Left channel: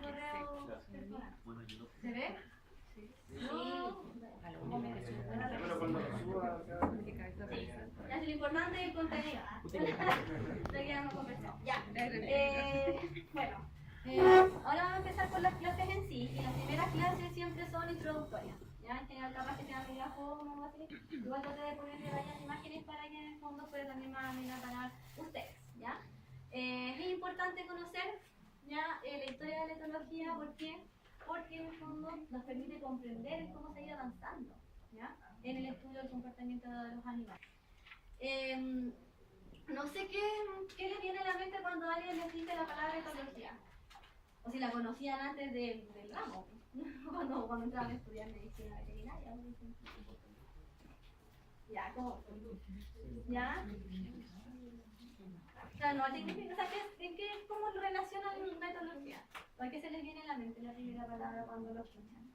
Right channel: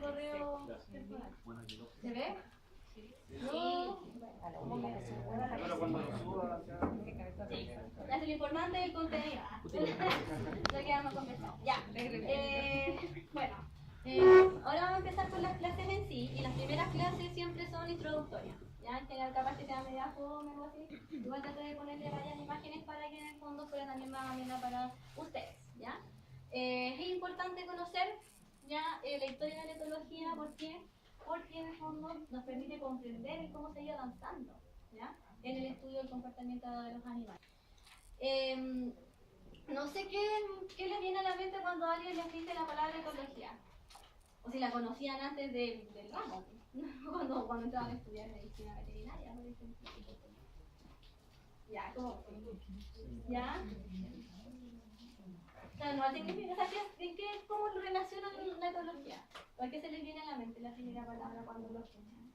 correo personal. ¿Se ve? Sí. Ya, lo importante es el contenido. Lo que vamos a conversar. Ya. Bueno, ahora vamos a empezar con las clases en sí. Y las primeras clases siempre son introductorias. Ya, en general, capaz que sea media fome o algo así. Igual traté de ponerle varias imágenes para que en el fondo fuera también más amena para ustedes. ¿Ya? Es importante conocer ya la historia de la etología. ¿Por qué? Porque en el fondo nos permite comprender cómo se ha ido avanzando, ¿ya?, en el estudio del comportamiento de los animales. No sé qué les viene a la mente cuando alguien les dice la palabra etología, o si la conocían antes del ramo, cuando entraban a estudiar medicina veterinaria, por ejemplo. Ya, ¿cómo? ¿Ya? O sea, no significa, o sea, ¿cómo lo relacionan la etología? ¿Por qué se les viene a la mente la primera palabra cuando lo escuchan?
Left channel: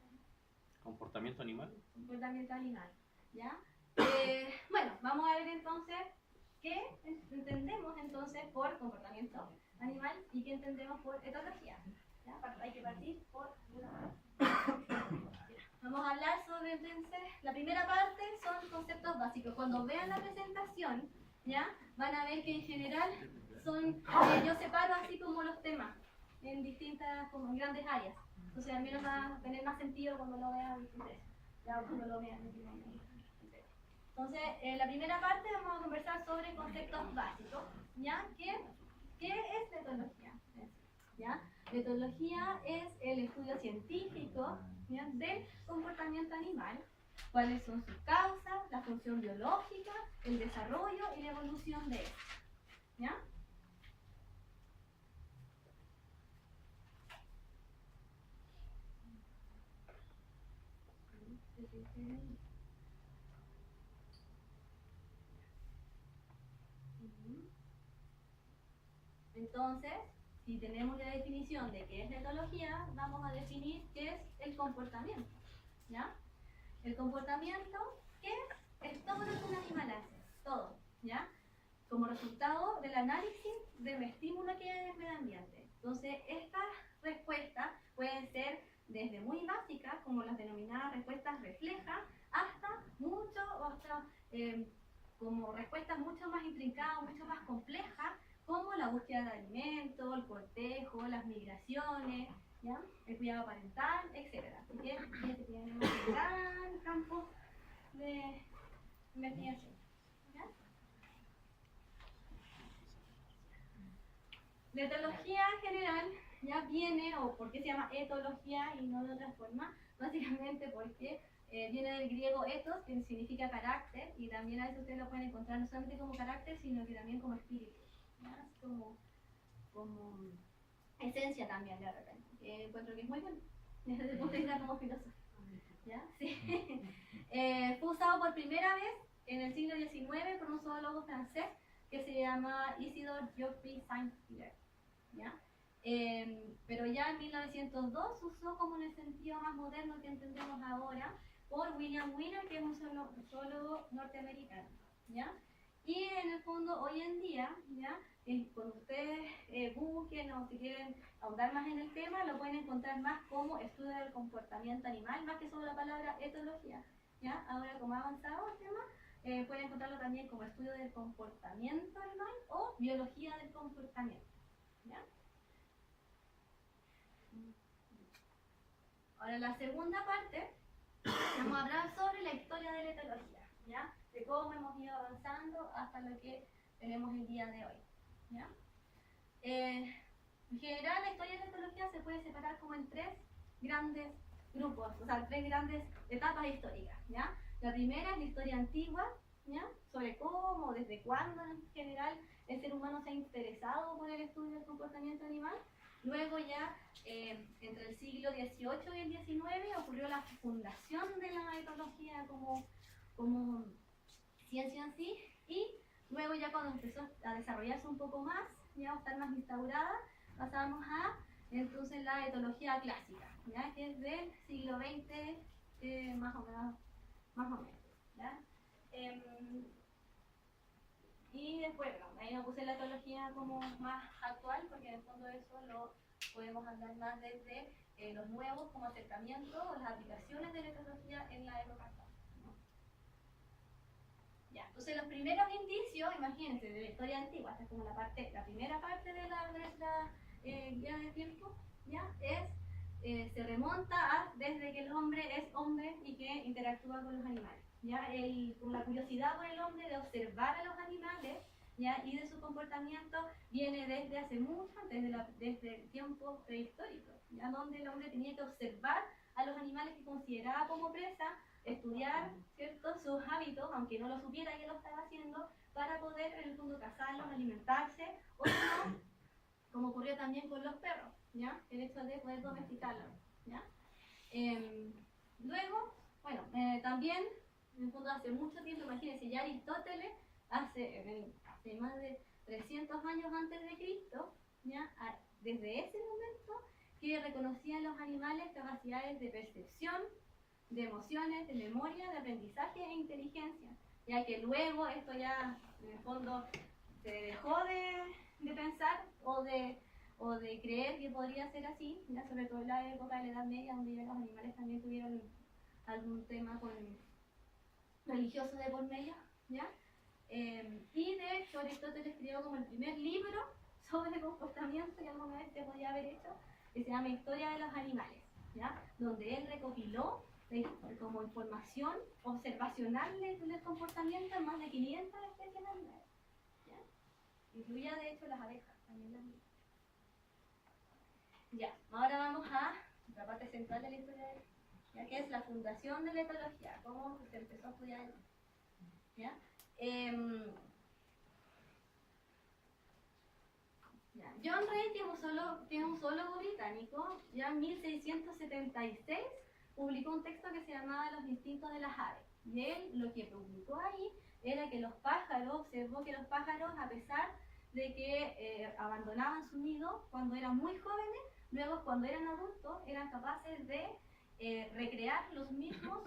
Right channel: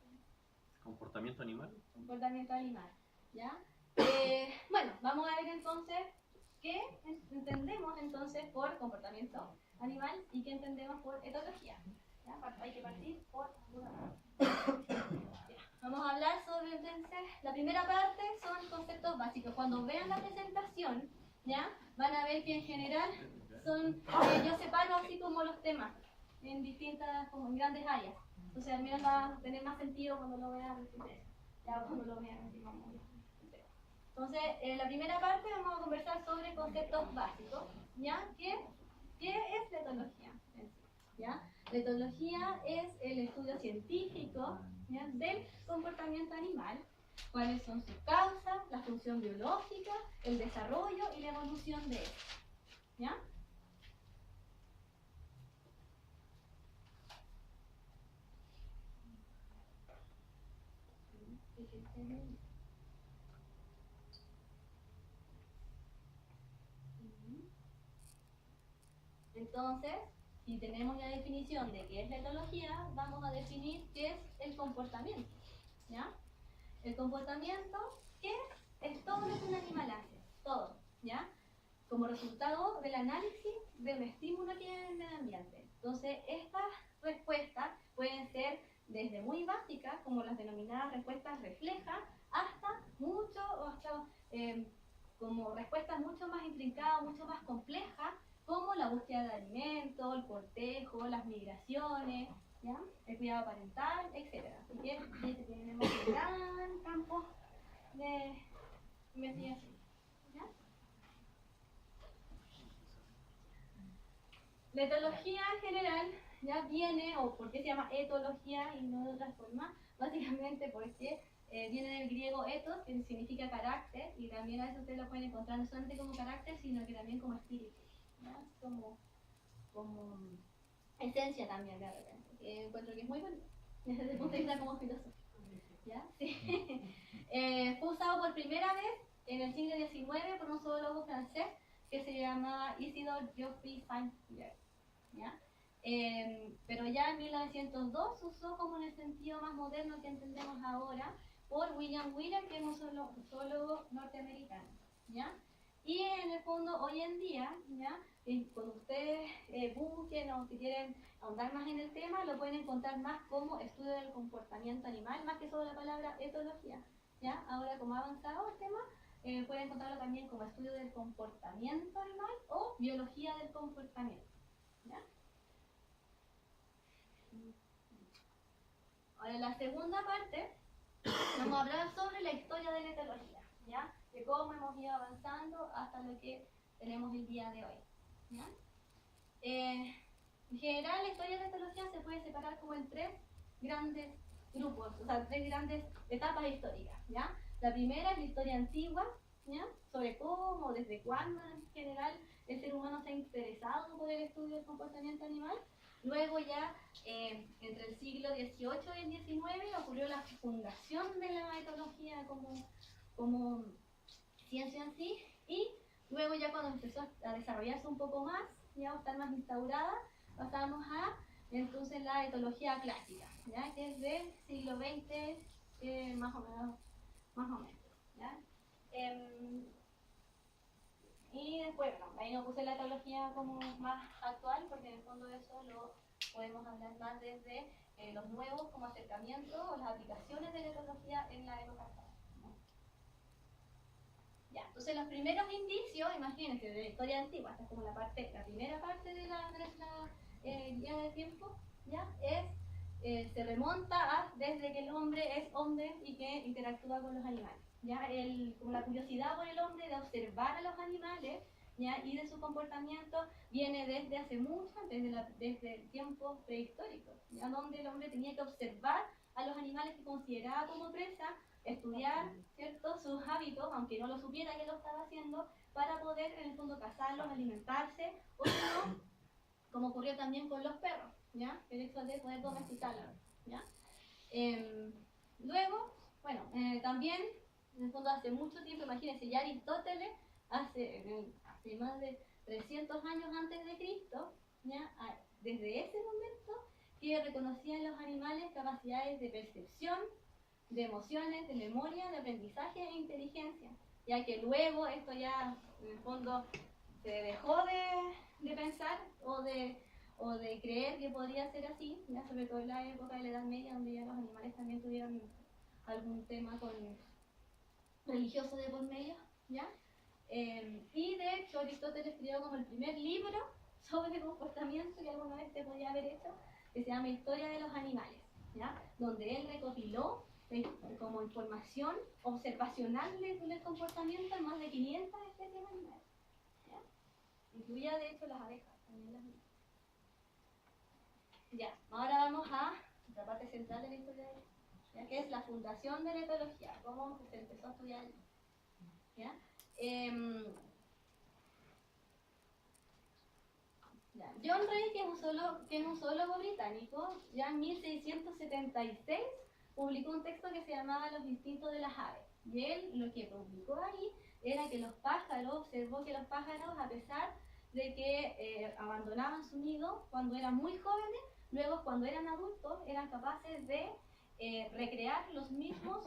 ¿Comportamiento animal? Comportamiento animal, ¿ya? Bueno, vamos a ver entonces qué entendemos entonces por comportamiento animal y qué entendemos por etología. ¿Ya? Hay que partir por una parte. Vamos a hablar sobre entonces, la primera parte son conceptos básicos. Cuando vean la presentación, ¿ya?, van a ver que en general son, yo separo así como los temas en distintas, como en grandes áreas. Entonces al menos va a tener más sentido cuando lo vean ustedes. Ya cuando lo vean así como entonces, en la primera parte vamos a conversar sobre conceptos básicos, ¿ya? ¿Qué es la etología? ¿Ya? La etología es el estudio científico, ¿ya?, del comportamiento animal, cuáles son sus causas, la función biológica, el desarrollo y la evolución de él. ¿Ya? Entonces, si tenemos ya la definición de qué es la etología, vamos a definir qué es el comportamiento. ¿Ya? El comportamiento, ¿qué es? Es todo lo que un animal hace, todo, ¿ya?, como resultado del análisis del estímulo que hay en el medio ambiente. Entonces, estas respuestas pueden ser desde muy básicas, como las denominadas respuestas reflejas, hasta como respuestas mucho más intrincadas, mucho más complejas, como la búsqueda de alimento, el cortejo, las migraciones, ¿ya?, el cuidado parental, etc. Así que tenemos un gran campo de investigación. ¿Ya? La etología en general ya viene, o por qué se llama etología y no de otra forma, básicamente porque viene del griego ethos, que significa carácter, y también a veces ustedes lo pueden encontrar no solamente como carácter, sino que también como espíritu, ¿ya?, como esencia también de repente, que encuentro que es muy bonito desde el punto de vista como filósofo. ¿Ya? Sí. Fue usado por primera vez en el siglo XIX por un zoólogo francés que se llamaba Isidore Geoffroy Saint-Hilaire, ¿ya? Pero ya en 1902 se usó como en el sentido más moderno que entendemos ahora por William Wheeler, que es un zoólogo norteamericano, ¿ya? Y en el fondo hoy en día, ¿ya?, cuando ustedes busquen o si quieren ahondar más en el tema, lo pueden encontrar más como estudio del comportamiento animal, más que solo la palabra etología, ¿ya? Ahora, como ha avanzado el tema, pueden encontrarlo también como estudio del comportamiento animal o biología del comportamiento, ¿ya? Ahora, la segunda parte, vamos a hablar sobre la historia de la etología, ¿ya?, de cómo hemos ido avanzando hasta lo que tenemos el día de hoy, ¿ya? En general, la historia de la etología se puede separar como en tres grandes grupos, o sea, tres grandes etapas históricas, ¿ya? La primera es la historia antigua, ¿ya?, sobre cómo, desde cuándo en general el ser humano se ha interesado por el estudio del comportamiento animal. Luego ya, entre el siglo XVIII y el XIX, ocurrió la fundación de la etología como ciencia en sí, y luego ya cuando empezó a desarrollarse un poco más, ya a estar más instaurada, pasamos a entonces la etología clásica, ¿ya?, que es del siglo XX, más o menos, ¿ya? Y después, bueno, ahí no puse la etología como más actual, porque en el fondo eso lo podemos hablar más desde los nuevos como acercamientos o las aplicaciones de la etología en la época actual. Ya, entonces los primeros indicios, imagínense, de la historia antigua, esta es como la primera parte de nuestra guía de tiempo, ya, se remonta a desde que el hombre es hombre y que interactúa con los animales. Ya, como la curiosidad por el hombre de observar a los animales, ya, y de su comportamiento viene desde hace mucho, desde el tiempo prehistórico, ya, donde el hombre tenía que observar a los animales que consideraba como presa, estudiar, ¿cierto?, sus hábitos, aunque no lo supiera que lo estaba haciendo, para poder en el fondo cazarlos, alimentarse, o si no, como ocurrió también con los perros, ¿ya? El hecho de poder domesticarlos, ¿ya? Luego, bueno, también, en el fondo hace mucho tiempo, imagínense, ya Aristóteles, hace más de 300 años antes de Cristo, ¿ya? Desde ese momento, que reconocían los animales capacidades de percepción, de emociones, de memoria, de aprendizaje e inteligencia, ya que luego esto ya en el fondo se dejó de pensar o de creer que podría ser así, ya sobre todo en la época de la Edad Media, donde ya los animales también tuvieron algún tema religioso de por medio, ¿ya? Y de hecho Aristóteles escribió como el primer libro sobre comportamiento que alguna vez se podía haber hecho, que se llama Historia de los Animales, ¿ya? Donde él recopiló como información observacional del comportamiento en más de 500 especies animales, ¿ya? Incluía de hecho las abejas, también las mismas. Ya, ahora vamos a la parte central de la historia, ya que es la fundación de la etología, cómo se empezó a estudiar allí, ¿ya? John Ray, que es un zoólogo británico, ya en 1676 publicó un texto que se llamaba Los instintos de las aves. Y él lo que publicó ahí era que los pájaros, observó que los pájaros, a pesar de que abandonaban su nido cuando eran muy jóvenes, luego cuando eran adultos eran capaces de recrear los mismos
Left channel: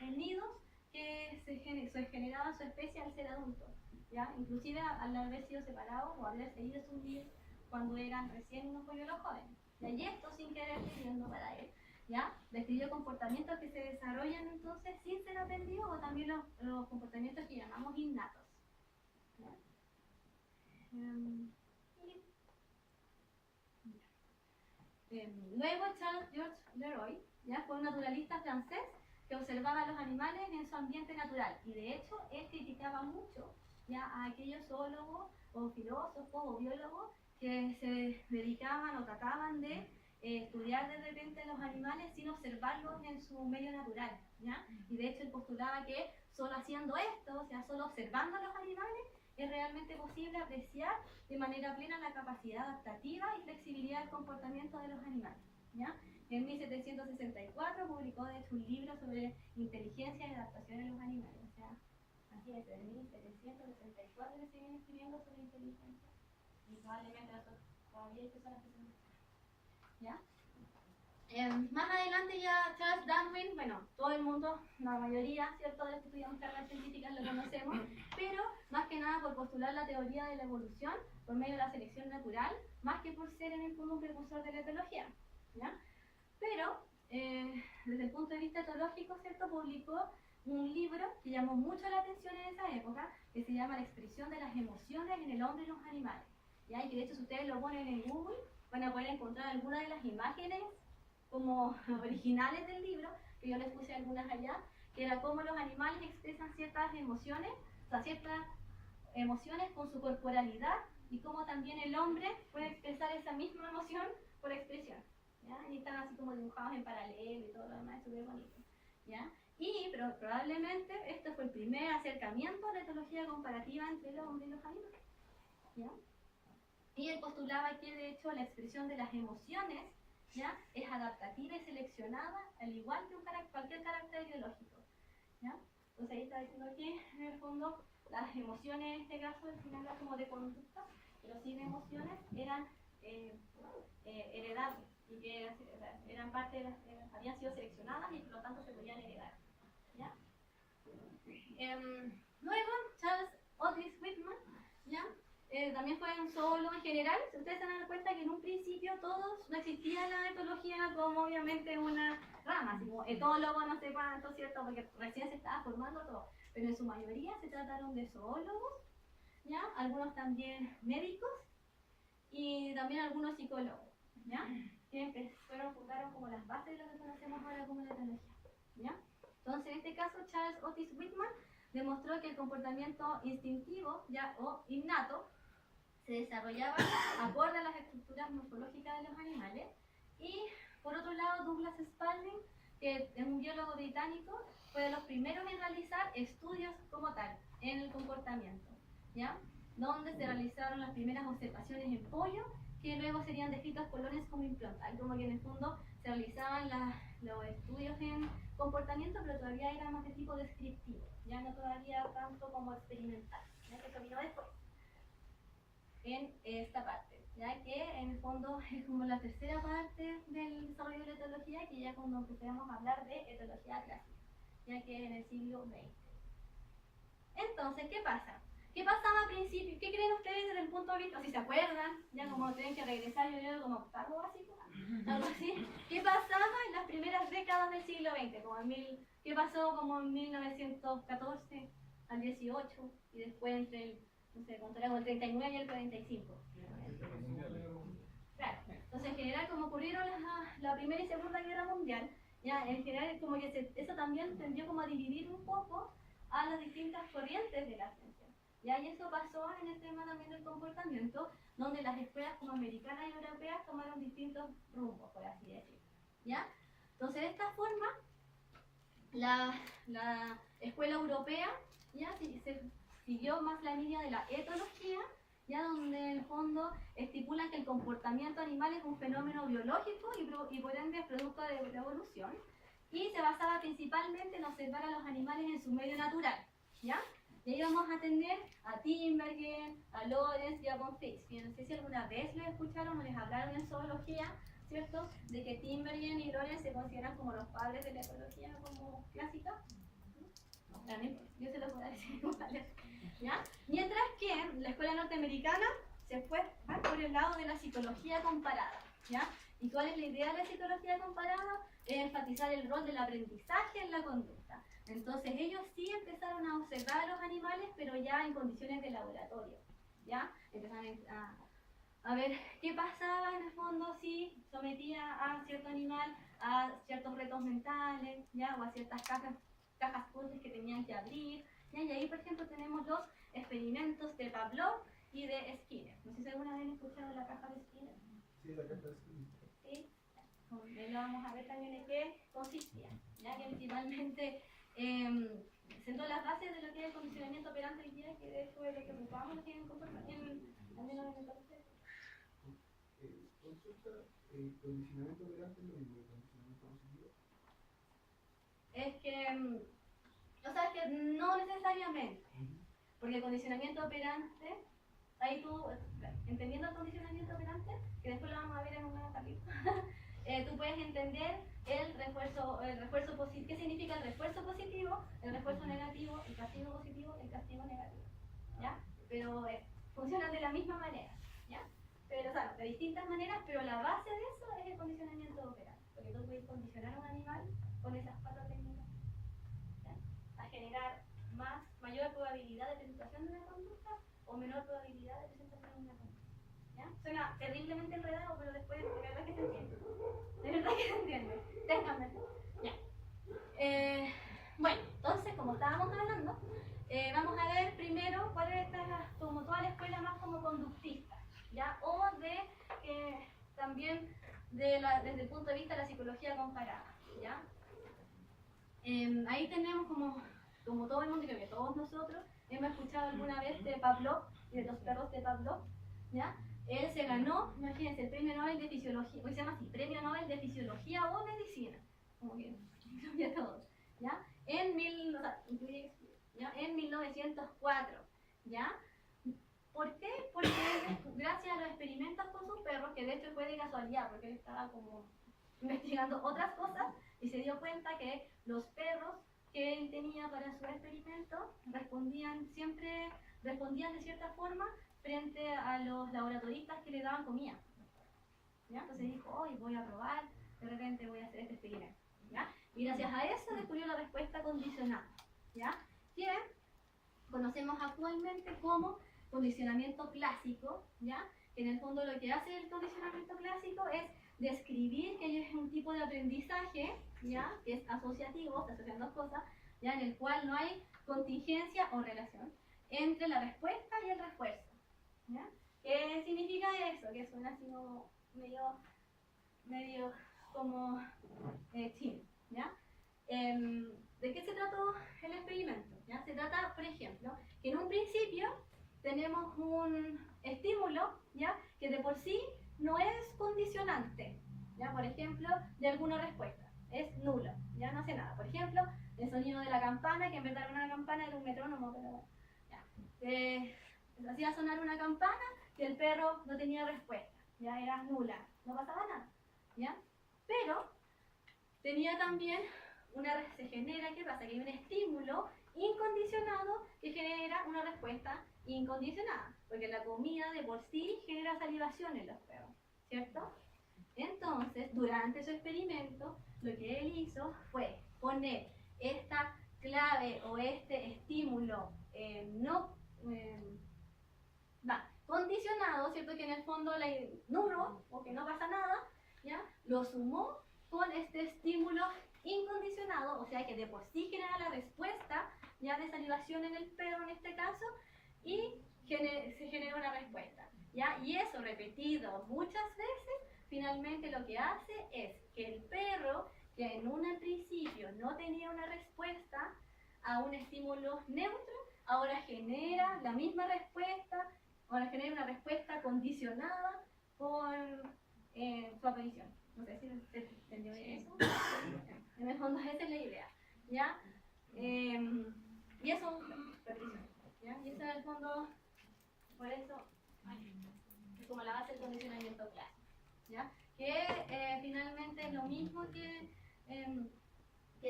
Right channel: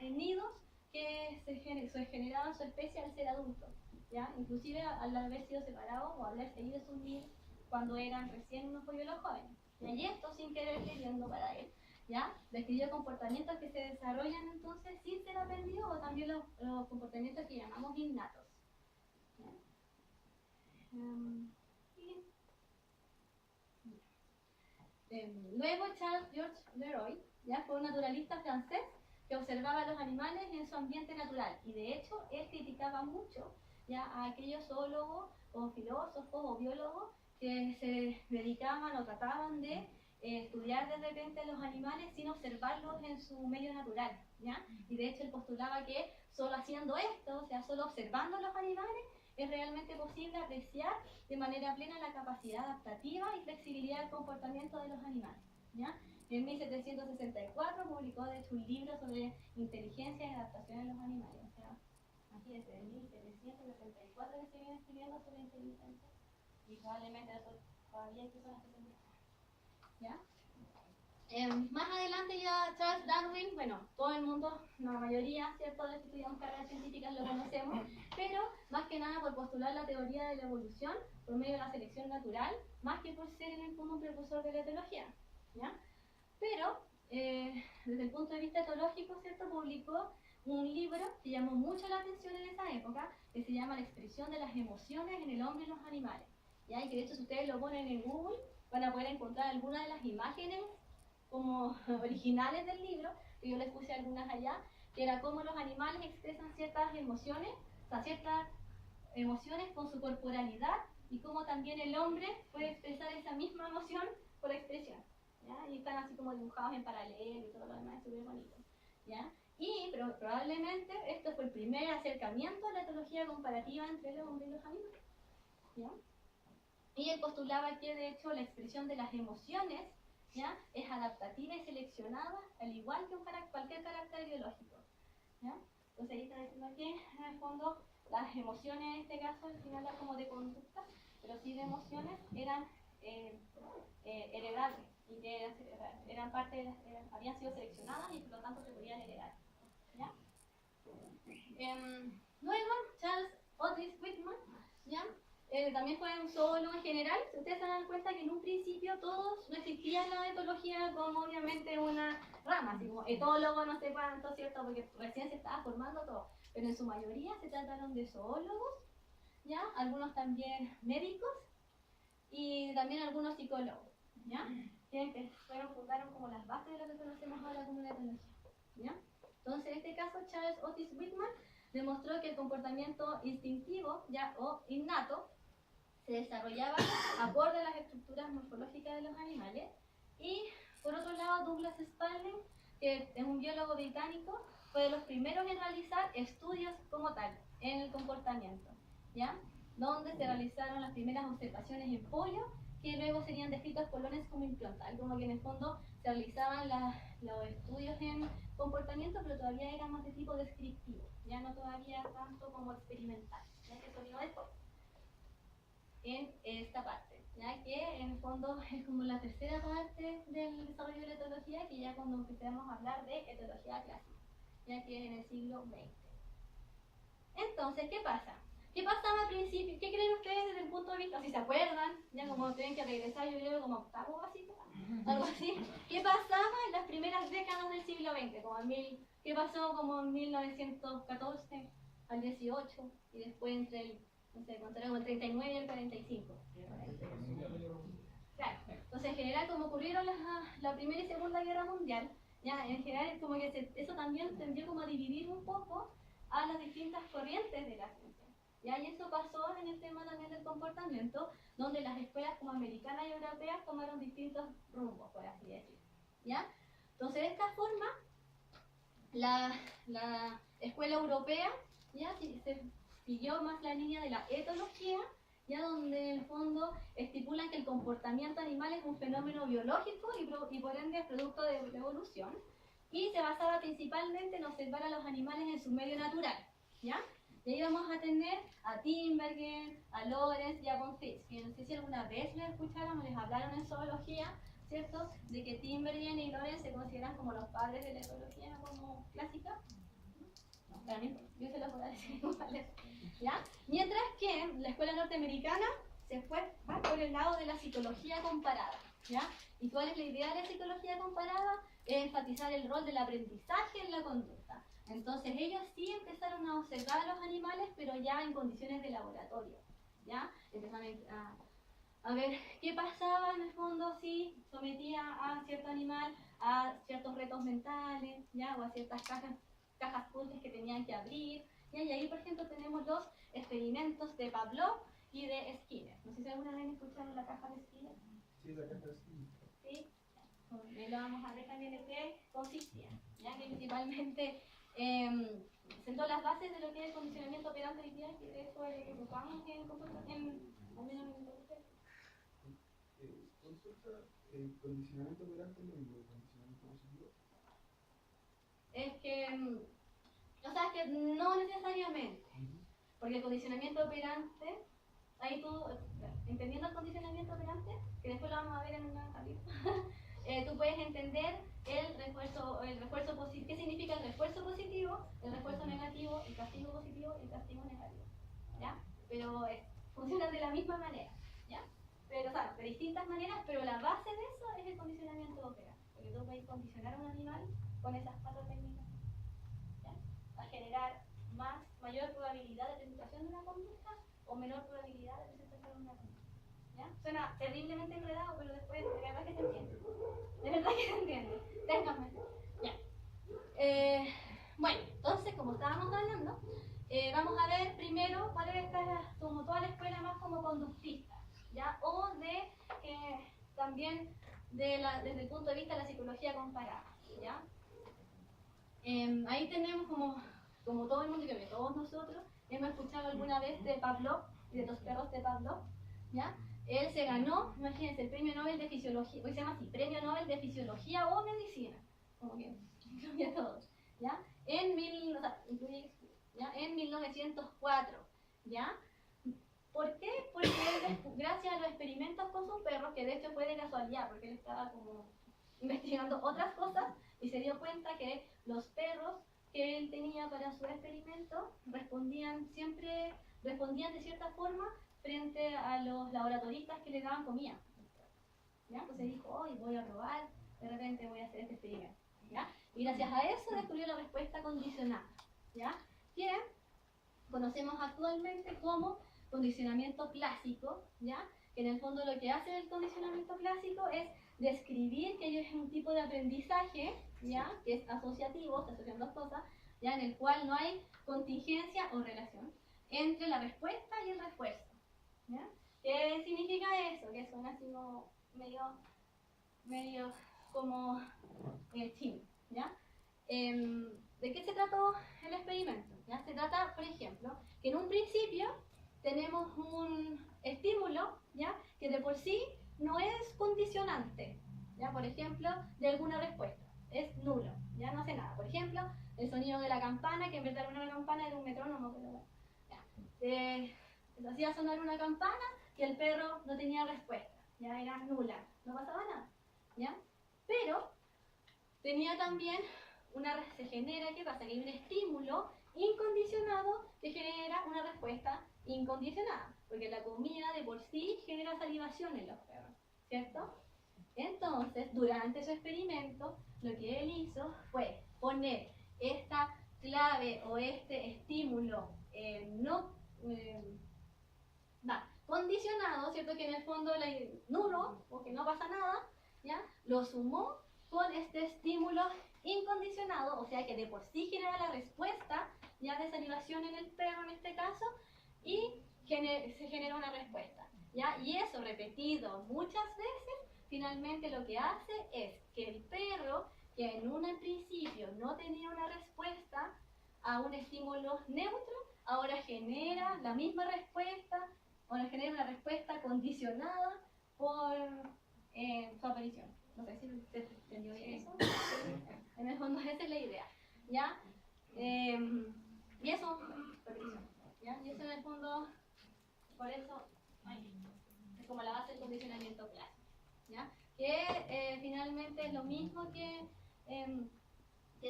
nidos que se generaban su especie al ser adultos, ¿ya? Inclusive al haber sido separados o haber seguido sus nidos cuando eran recién unos polluelos jóvenes. Y esto sin querer queriendo para él, ¿ya? Describió comportamientos que se desarrollan entonces sin ser aprendidos o también los comportamientos que llamamos innatos. Luego Charles Georges Leroy, ¿ya? Fue un naturalista francés que observaba a los animales en su ambiente natural y de hecho él criticaba mucho, ¿ya?, a aquellos zoólogos o filósofos o biólogos que se dedicaban o trataban de estudiar de repente los animales sin observarlos en su medio natural, ¿ya? Y de hecho él postulaba que solo haciendo esto, o sea, solo observando a los animales, es realmente posible apreciar de manera plena la capacidad adaptativa y flexibilidad del comportamiento de los animales, ¿ya? En 1764 publicó de hecho un libro sobre inteligencia y adaptación en los animales, o sea, imagínense, de 1764 que se viene escribiendo sobre inteligencia. Y probablemente todavía hay personas que se buscan, ¿ya? Más adelante ya Charles Darwin, bueno, todo el mundo, la mayoría, ¿cierto?, de los que estudiamos carreras científicas lo conocemos, pero más que nada por postular la teoría de la evolución por medio de la selección natural, más que por ser en el fondo un precursor de la etología, ¿ya? Pero, desde el punto de vista etológico, ¿cierto?, publicó un libro que llamó mucho la atención en esa época, que se llama La expresión de las emociones en el hombre y los animales. ¿Ya? Y que de hecho si ustedes lo ponen en Google van a poder encontrar algunas de las imágenes como originales del libro, que yo les puse algunas allá, que era cómo los animales expresan ciertas emociones, o sea, ciertas emociones con su corporalidad y cómo también el hombre puede expresar esa misma emoción por expresión, ¿ya? Y están así como dibujados en paralelo y todo lo demás, es súper bonito, ¿ya? Pero probablemente este fue el primer acercamiento a la etología comparativa entre el hombre y los animales, ¿ya? Y él postulaba que de hecho la expresión de las emociones, ¿ya?, es adaptativa y seleccionada al igual que cualquier carácter biológico, ¿ya? Entonces ahí está diciendo que en el fondo las emociones en este caso al final era como de conducta, pero sí de emociones eran heredables y que eran parte habían sido seleccionadas y por lo tanto se podían heredar, ¿ya? Luego Charles Otis Whitman, ¿ya?, también fue un zoólogo en general. Si ustedes se dan cuenta que en un principio todos no existía la etología como obviamente una rama, así como etólogo, no sé cuánto, ¿cierto? Porque recién se estaba formando todo. Pero en su mayoría se trataron de zoólogos, ¿ya? Algunos también médicos y también algunos psicólogos, ¿ya? Que fundaron como las bases de lo que conocemos ahora como la etología, ¿ya? Entonces, en este caso, Charles Otis Whitman demostró que el comportamiento instintivo, ya, o innato, se desarrollaba acorde a las estructuras morfológicas de los animales. Y por otro lado, Douglas Spalding, que es un biólogo británico, fue de los primeros en realizar estudios como tal en el comportamiento, ¿ya? Donde se realizaron las primeras observaciones en pollo, que luego serían descritos por Lawrence como implantar, como que en el fondo se realizaban los estudios en comportamiento, pero todavía era más de tipo descriptivo, ya no todavía tanto como experimental, ya que eso vino después en esta parte, ya que en el fondo es como la tercera parte del desarrollo de la etología, que ya cuando empezamos a hablar de etología clásica, ya que en el siglo XX. Entonces, ¿qué pasa? ¿Qué pasaba al principio? ¿Qué creen ustedes desde el punto de vista? Si se acuerdan, ya como tienen que regresar, yo creo como octavo básico, algo así. ¿Qué pasaba en las primeras décadas del siglo XX? ¿Qué pasó como en 1914 al 18 y después entre el, no sé, contaremos el 39 y el 45? Claro. Entonces, en general, como ocurrieron la Primera y Segunda Guerra Mundial, ya en general como que eso también tendió como a dividir un poco a las distintas corrientes de la ciencia. ¿Ya? Y eso pasó en el tema también del comportamiento, donde las escuelas como americanas y europeas tomaron distintos rumbos, por así decirlo. ¿Ya? Entonces, de esta forma, la escuela europea ya se siguió más la línea de la etología, ya donde en el fondo estipulan que el comportamiento animal es un fenómeno biológico y por ende es producto de la evolución, y se basaba principalmente en observar a los animales en su medio natural, ¿ya? Y ahí vamos a tener a Tinbergen, a Lawrence y a von Fitch, que no sé si alguna vez les escucharon o les hablaron en zoología, ¿cierto? De que Tinbergen y Lawrence se consideran como los padres de la etología, ¿no? Como clásica. También, yo se los voy a decir igual, ¿ya? Mientras que la escuela norteamericana se fue por el lado de la psicología comparada, ¿ya? ¿Y cuál es la idea de la psicología comparada? Es enfatizar el rol del aprendizaje en la conducta. Entonces ellos sí empezaron a observar a los animales, pero ya en condiciones de laboratorio, ¿ya? Empezaron a ver qué pasaba en el fondo si sometía a cierto animal a ciertos retos mentales, ¿ya? O a ciertas cajas puzzles que tenían que abrir, ¿ya? Y ahí, por ejemplo, tenemos los experimentos de Pavlov y de Skinner. No sé si alguna vez han escuchado la caja de Skinner. Sí, la caja de Skinner. Sí, lo vamos a ver también en qué consistía, ¿ya? Que principalmente sentó las bases de lo que es el condicionamiento operante hoy día, que de eso es lo que ocupamos en el comportamiento, al menos en el contexto. Consulta, ¿el condicionamiento operante es lo mismo que el condicionamiento positivo? Es que, o sea, que no necesariamente, porque el condicionamiento operante, ahí tú, entendiendo el condicionamiento operante, que después lo vamos a ver en un nuevo capítulo, tú puedes entender el refuerzo positivo, qué significa el refuerzo positivo, el refuerzo negativo, el castigo positivo y el castigo negativo, ¿ya? Pero funcionan de la misma manera, ¿ya? Pero, o sea, de distintas maneras, pero la base de eso es el condicionamiento operante, porque tú puedes condicionar a un animal con esas cuatro técnicas, ¿ya? A generar mayor probabilidad de presentación de una conducta o menor probabilidad de presentación de una conducta, ¿ya? Suena terriblemente enredado, pero después de verdad que se entiende. De verdad que se entiende. Ténganme. Ya. Bueno, entonces, como estábamos hablando, vamos a ver primero cuál es como toda la escuela más como conductista, ¿ya? O también desde el punto de vista de la psicología comparada, ¿ya? Ahí tenemos como todo el mundo, creo que todos nosotros hemos escuchado alguna vez de Pavlov y de los perros de Pavlov, ¿ya? Él se ganó, imagínense, el premio Nobel de Fisiología, hoy se llama así, premio Nobel de Fisiología o Medicina, como que incluye a todos, ¿ya? En 1904, ¿ya? ¿Por qué? Porque gracias a los experimentos con sus perros, que de hecho fue de casualidad, porque él estaba como investigando otras cosas y se dio cuenta que los perros que él tenía para su experimento respondían de cierta forma frente a los laboratoristas que le daban comida. ¿Ya? Entonces dijo, hoy voy a probar, de repente voy a hacer este experimento. ¿Ya? Y gracias a eso descubrió la respuesta condicionada, ¿ya? Que conocemos actualmente como condicionamiento clásico, ¿ya? Que en el fondo lo que hace el condicionamiento clásico es describir que es un tipo de aprendizaje, ¿ya? Que es asociativo, se asocian dos cosas, ¿ya? En el cual no hay contingencia o relación entre la respuesta y el refuerzo, ¿ya? ¿Qué significa eso? Que suena así como medio como chino, ¿ya? ¿De qué se trató el experimento? ¿Ya? Se trata, por ejemplo, que en un principio tenemos un estímulo, ¿ya? Que de por sí no es condicionante, ¿ya? Por ejemplo, de alguna respuesta, es nulo, ya no hace nada. Por ejemplo, el sonido de la campana, que en vez de una campana era un metrónomo, pero bueno, hacía sonar una campana y el perro no tenía respuesta, ya era nula, no pasaba nada, ¿ya? Pero tenía también se genera, ¿qué pasa? Que hay un estímulo incondicionado que genera una respuesta incondicionada, porque la comida de por sí genera salivación en los perros, ¿cierto? Entonces, durante su experimento, lo que él hizo fue poner esta clave o este estímulo condicionado, ¿cierto? Que en el fondo nulo o que no pasa nada, ¿ya? Lo sumó con este estímulo incondicionado, o sea que de por sí genera la respuesta ya de salivación en el perro en este caso, y se genera una respuesta, ¿ya? Y eso repetido muchas veces, finalmente lo que hace es que el perro, que en un principio no tenía una respuesta a un estímulo neutro, ahora genera la misma respuesta, ahora genera una respuesta condicionada por su aparición. No sé si se entendió bien eso. En el fondo esa es la idea, ¿ya? Y eso, repetición, ¿ya? Y eso en el fondo, por eso, es como la base del condicionamiento clásico, ¿ya? Que finalmente es lo mismo que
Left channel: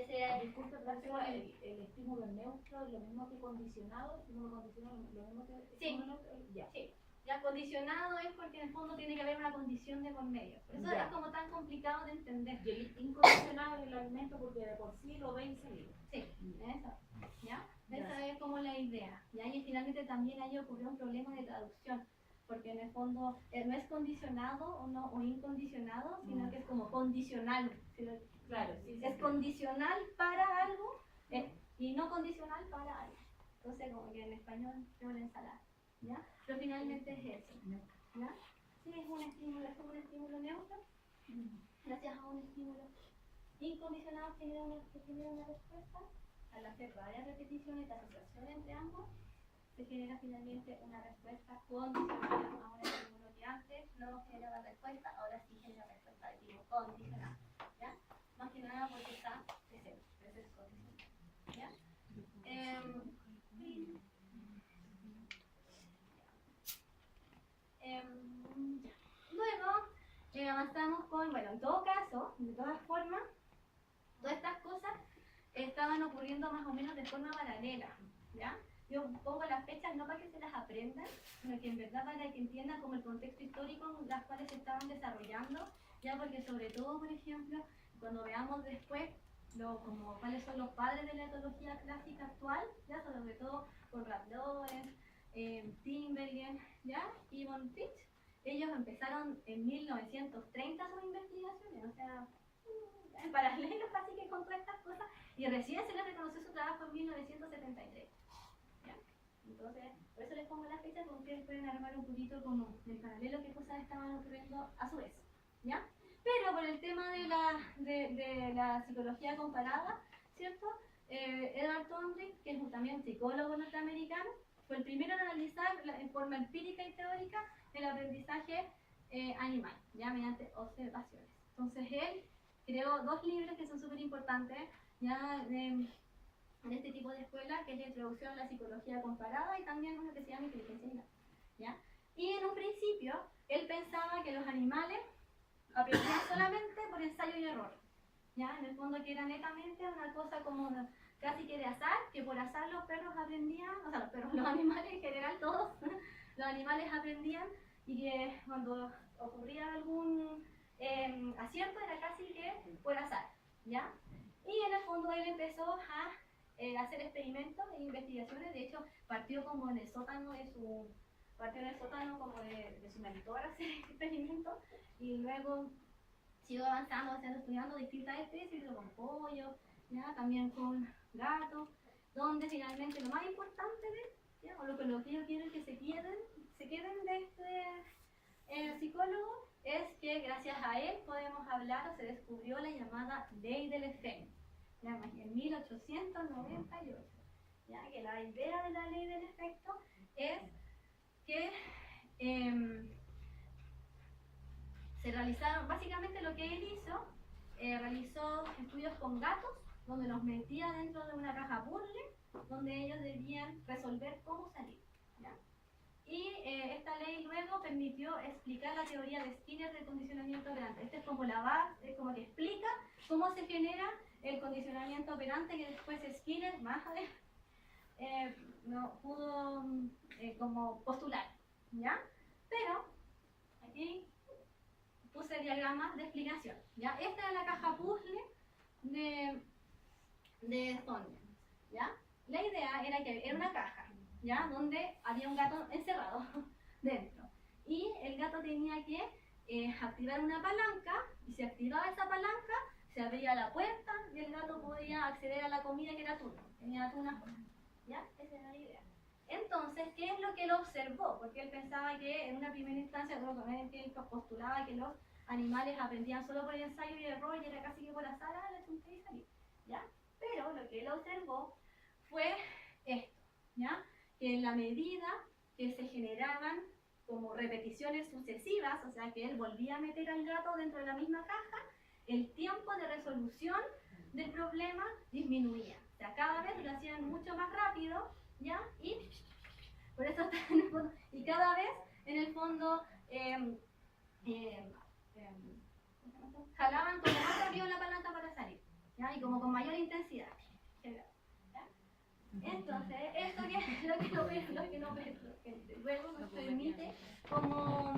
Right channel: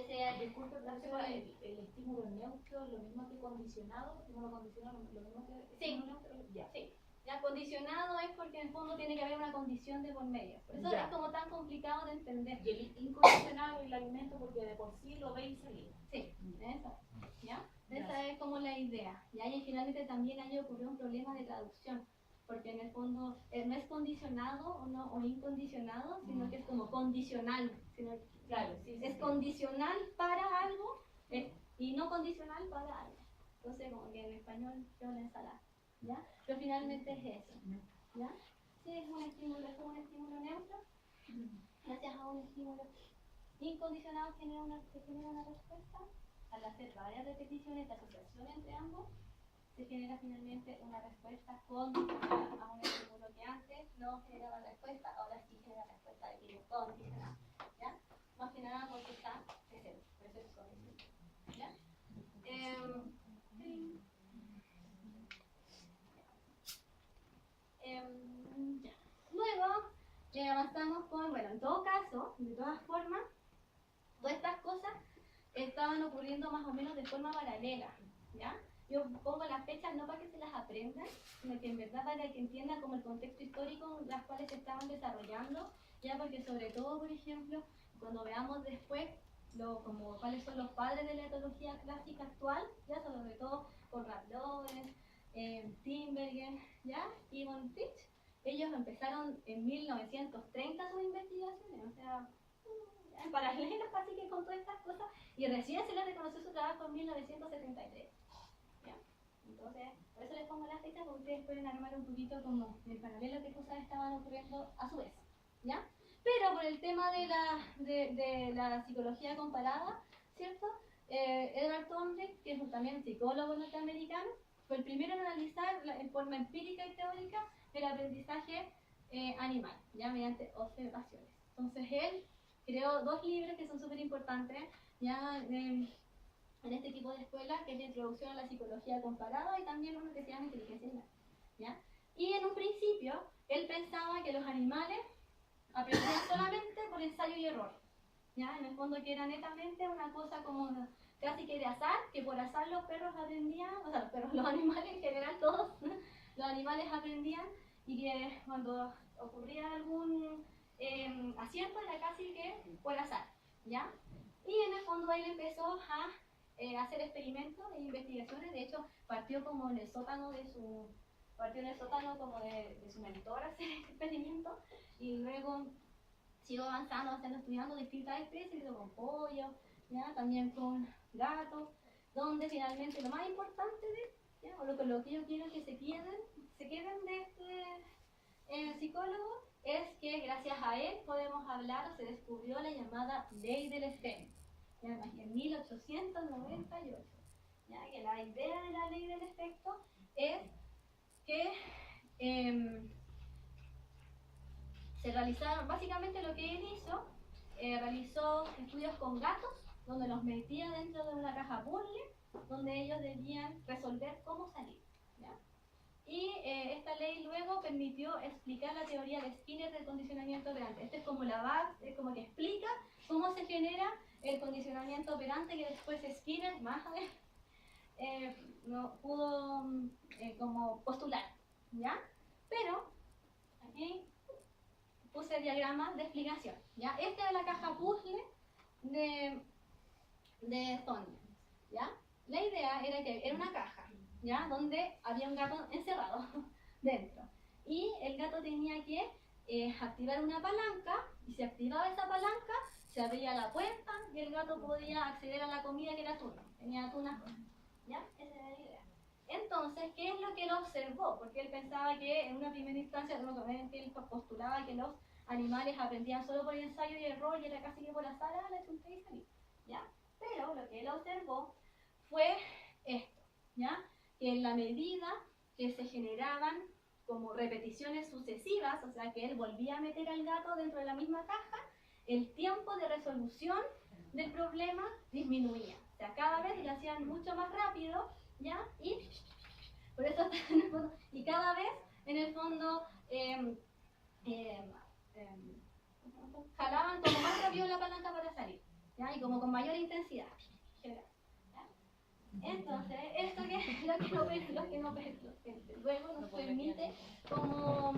sea el Disculpe, el estímulo neutro es lo mismo que condicionado, estímulo condicionado lo mismo que estímulo neutro. Ya. Sí. Ya condicionado es porque en el fondo tiene que haber una condición de por medio. Por eso Ya. es como tan complicado de entender. Y el incondicionado es el alimento porque de por sí lo ve y salir. Sí, eso. ¿Ya? Esa es como la idea. ¿Ya? Y finalmente también ahí ocurrió un problema de traducción. Porque en el fondo no es condicionado o incondicionado, sino que es como condicional. Claro, sí, Es condicional para algo y no condicional para algo. Entonces, como que en español es una ensalada, ¿ya? Pero finalmente es eso, ¿ya? Sí, es un estímulo neutro. Gracias a un estímulo incondicionado genera una respuesta. Al hacer varias repeticiones de asociación entre ambos, se genera finalmente una respuesta condicionada a un estímulo que antes no generaba respuesta, ahora sí genera respuesta de tipo condicional, ¿ya? Más que nada porque está presente, pero eso es condicional, ¿ya? Luego avanzamos con, bueno, en todo caso, de todas formas, todas estas cosas estaban ocurriendo más o menos de forma paralela, ¿ya? Yo pongo las fechas no para que se las aprendan, sino que en verdad para que entiendan como el contexto histórico en las cuales se estaban desarrollando, ya porque sobre todo, por ejemplo, cuando veamos después como cuáles son los padres de la etología clásica actual, ya sobre todo Konrad Lorenz, Tinbergen, ¿ya? Y von Fritsch, ellos empezaron en 1930 sus investigaciones, o sea, en paralelo casi que con todas estas cosas, y recién se les reconoció su trabajo en 1973. ¿Ya? Entonces, por eso les pongo las fechas, porque ustedes pueden armar un poquito como en paralelo qué cosas estaban ocurriendo a su vez, ¿ya? Pero por el tema de la psicología comparada, ¿cierto? Edward Thorndike, que es también psicólogo norteamericano, fue el primero en analizar en forma empírica y teórica el aprendizaje animal, ya mediante observaciones. Entonces él creó dos libros que son súper importantes, ya en este tipo de escuela, que es la introducción a la psicología comparada y también uno que se llama inteligencia animal, ¿ya? Y en un principio él pensaba que los animales aprendían solamente por ensayo y error, ¿ya? En el fondo que era netamente una cosa como casi que de azar, que por azar los perros aprendían, o sea, los animales en general todos, los animales aprendían y que cuando ocurría algún acierto era casi que por azar, ¿ya? Y en el fondo él empezó a hacer experimentos e investigaciones. De hecho, partió como en el sótano de su mentor a hacer experimentos, y luego siguió avanzando, estudiando distintas especies, con pollos, ¿ya? También con gatos, donde finalmente lo más importante ¿ya? O lo que yo quiero que se queden de este psicólogo es que gracias a él podemos hablar, o se descubrió la llamada ley del espejo, ¿ya? En 1898, ¿ya? Que la idea de la ley del efecto es que se realizaron, básicamente lo que él hizo, realizó estudios con gatos, donde los metía dentro de una caja puzzle, donde ellos debían resolver cómo salir, ¿ya? Y esta ley luego permitió explicar la teoría de Skinner del condicionamiento operante. Esta es como la base, como que explica cómo se genera el condicionamiento operante, que después Skinner más adelante no pudo como postular, ¿ya? Pero aquí puse diagramas de explicación, ¿ya? Esta era la caja puzzle de Thorndike, ¿ya? La idea era que era una caja, ¿ya? Donde había un gato encerrado dentro, y el gato tenía que activar una palanca, y si activaba esa palanca se abría la puerta y el gato podía acceder a la comida, que era atún, tenía atún afuera, ¿ya? Esa era la idea. Entonces, ¿qué es lo que él observó? Porque él pensaba que en una primera instancia, que él postulaba que los animales aprendían solo por el ensayo y error, y era casi que por azar, le chunté y salí, ¿ya? Pero lo que él observó fue esto, ¿ya? Que en la medida que se generaban como repeticiones sucesivas, o sea que él volvía a meter al gato dentro de la misma caja, el tiempo de resolución del problema disminuía. O sea, cada vez lo hacían mucho más rápido, ¿ya? Y por eso en el fondo, y cada vez en el fondo jalaban como más rápido la palanca para salir, ¿ya? Y como con mayor intensidad, ¿ya? Entonces, esto que luego nos permite como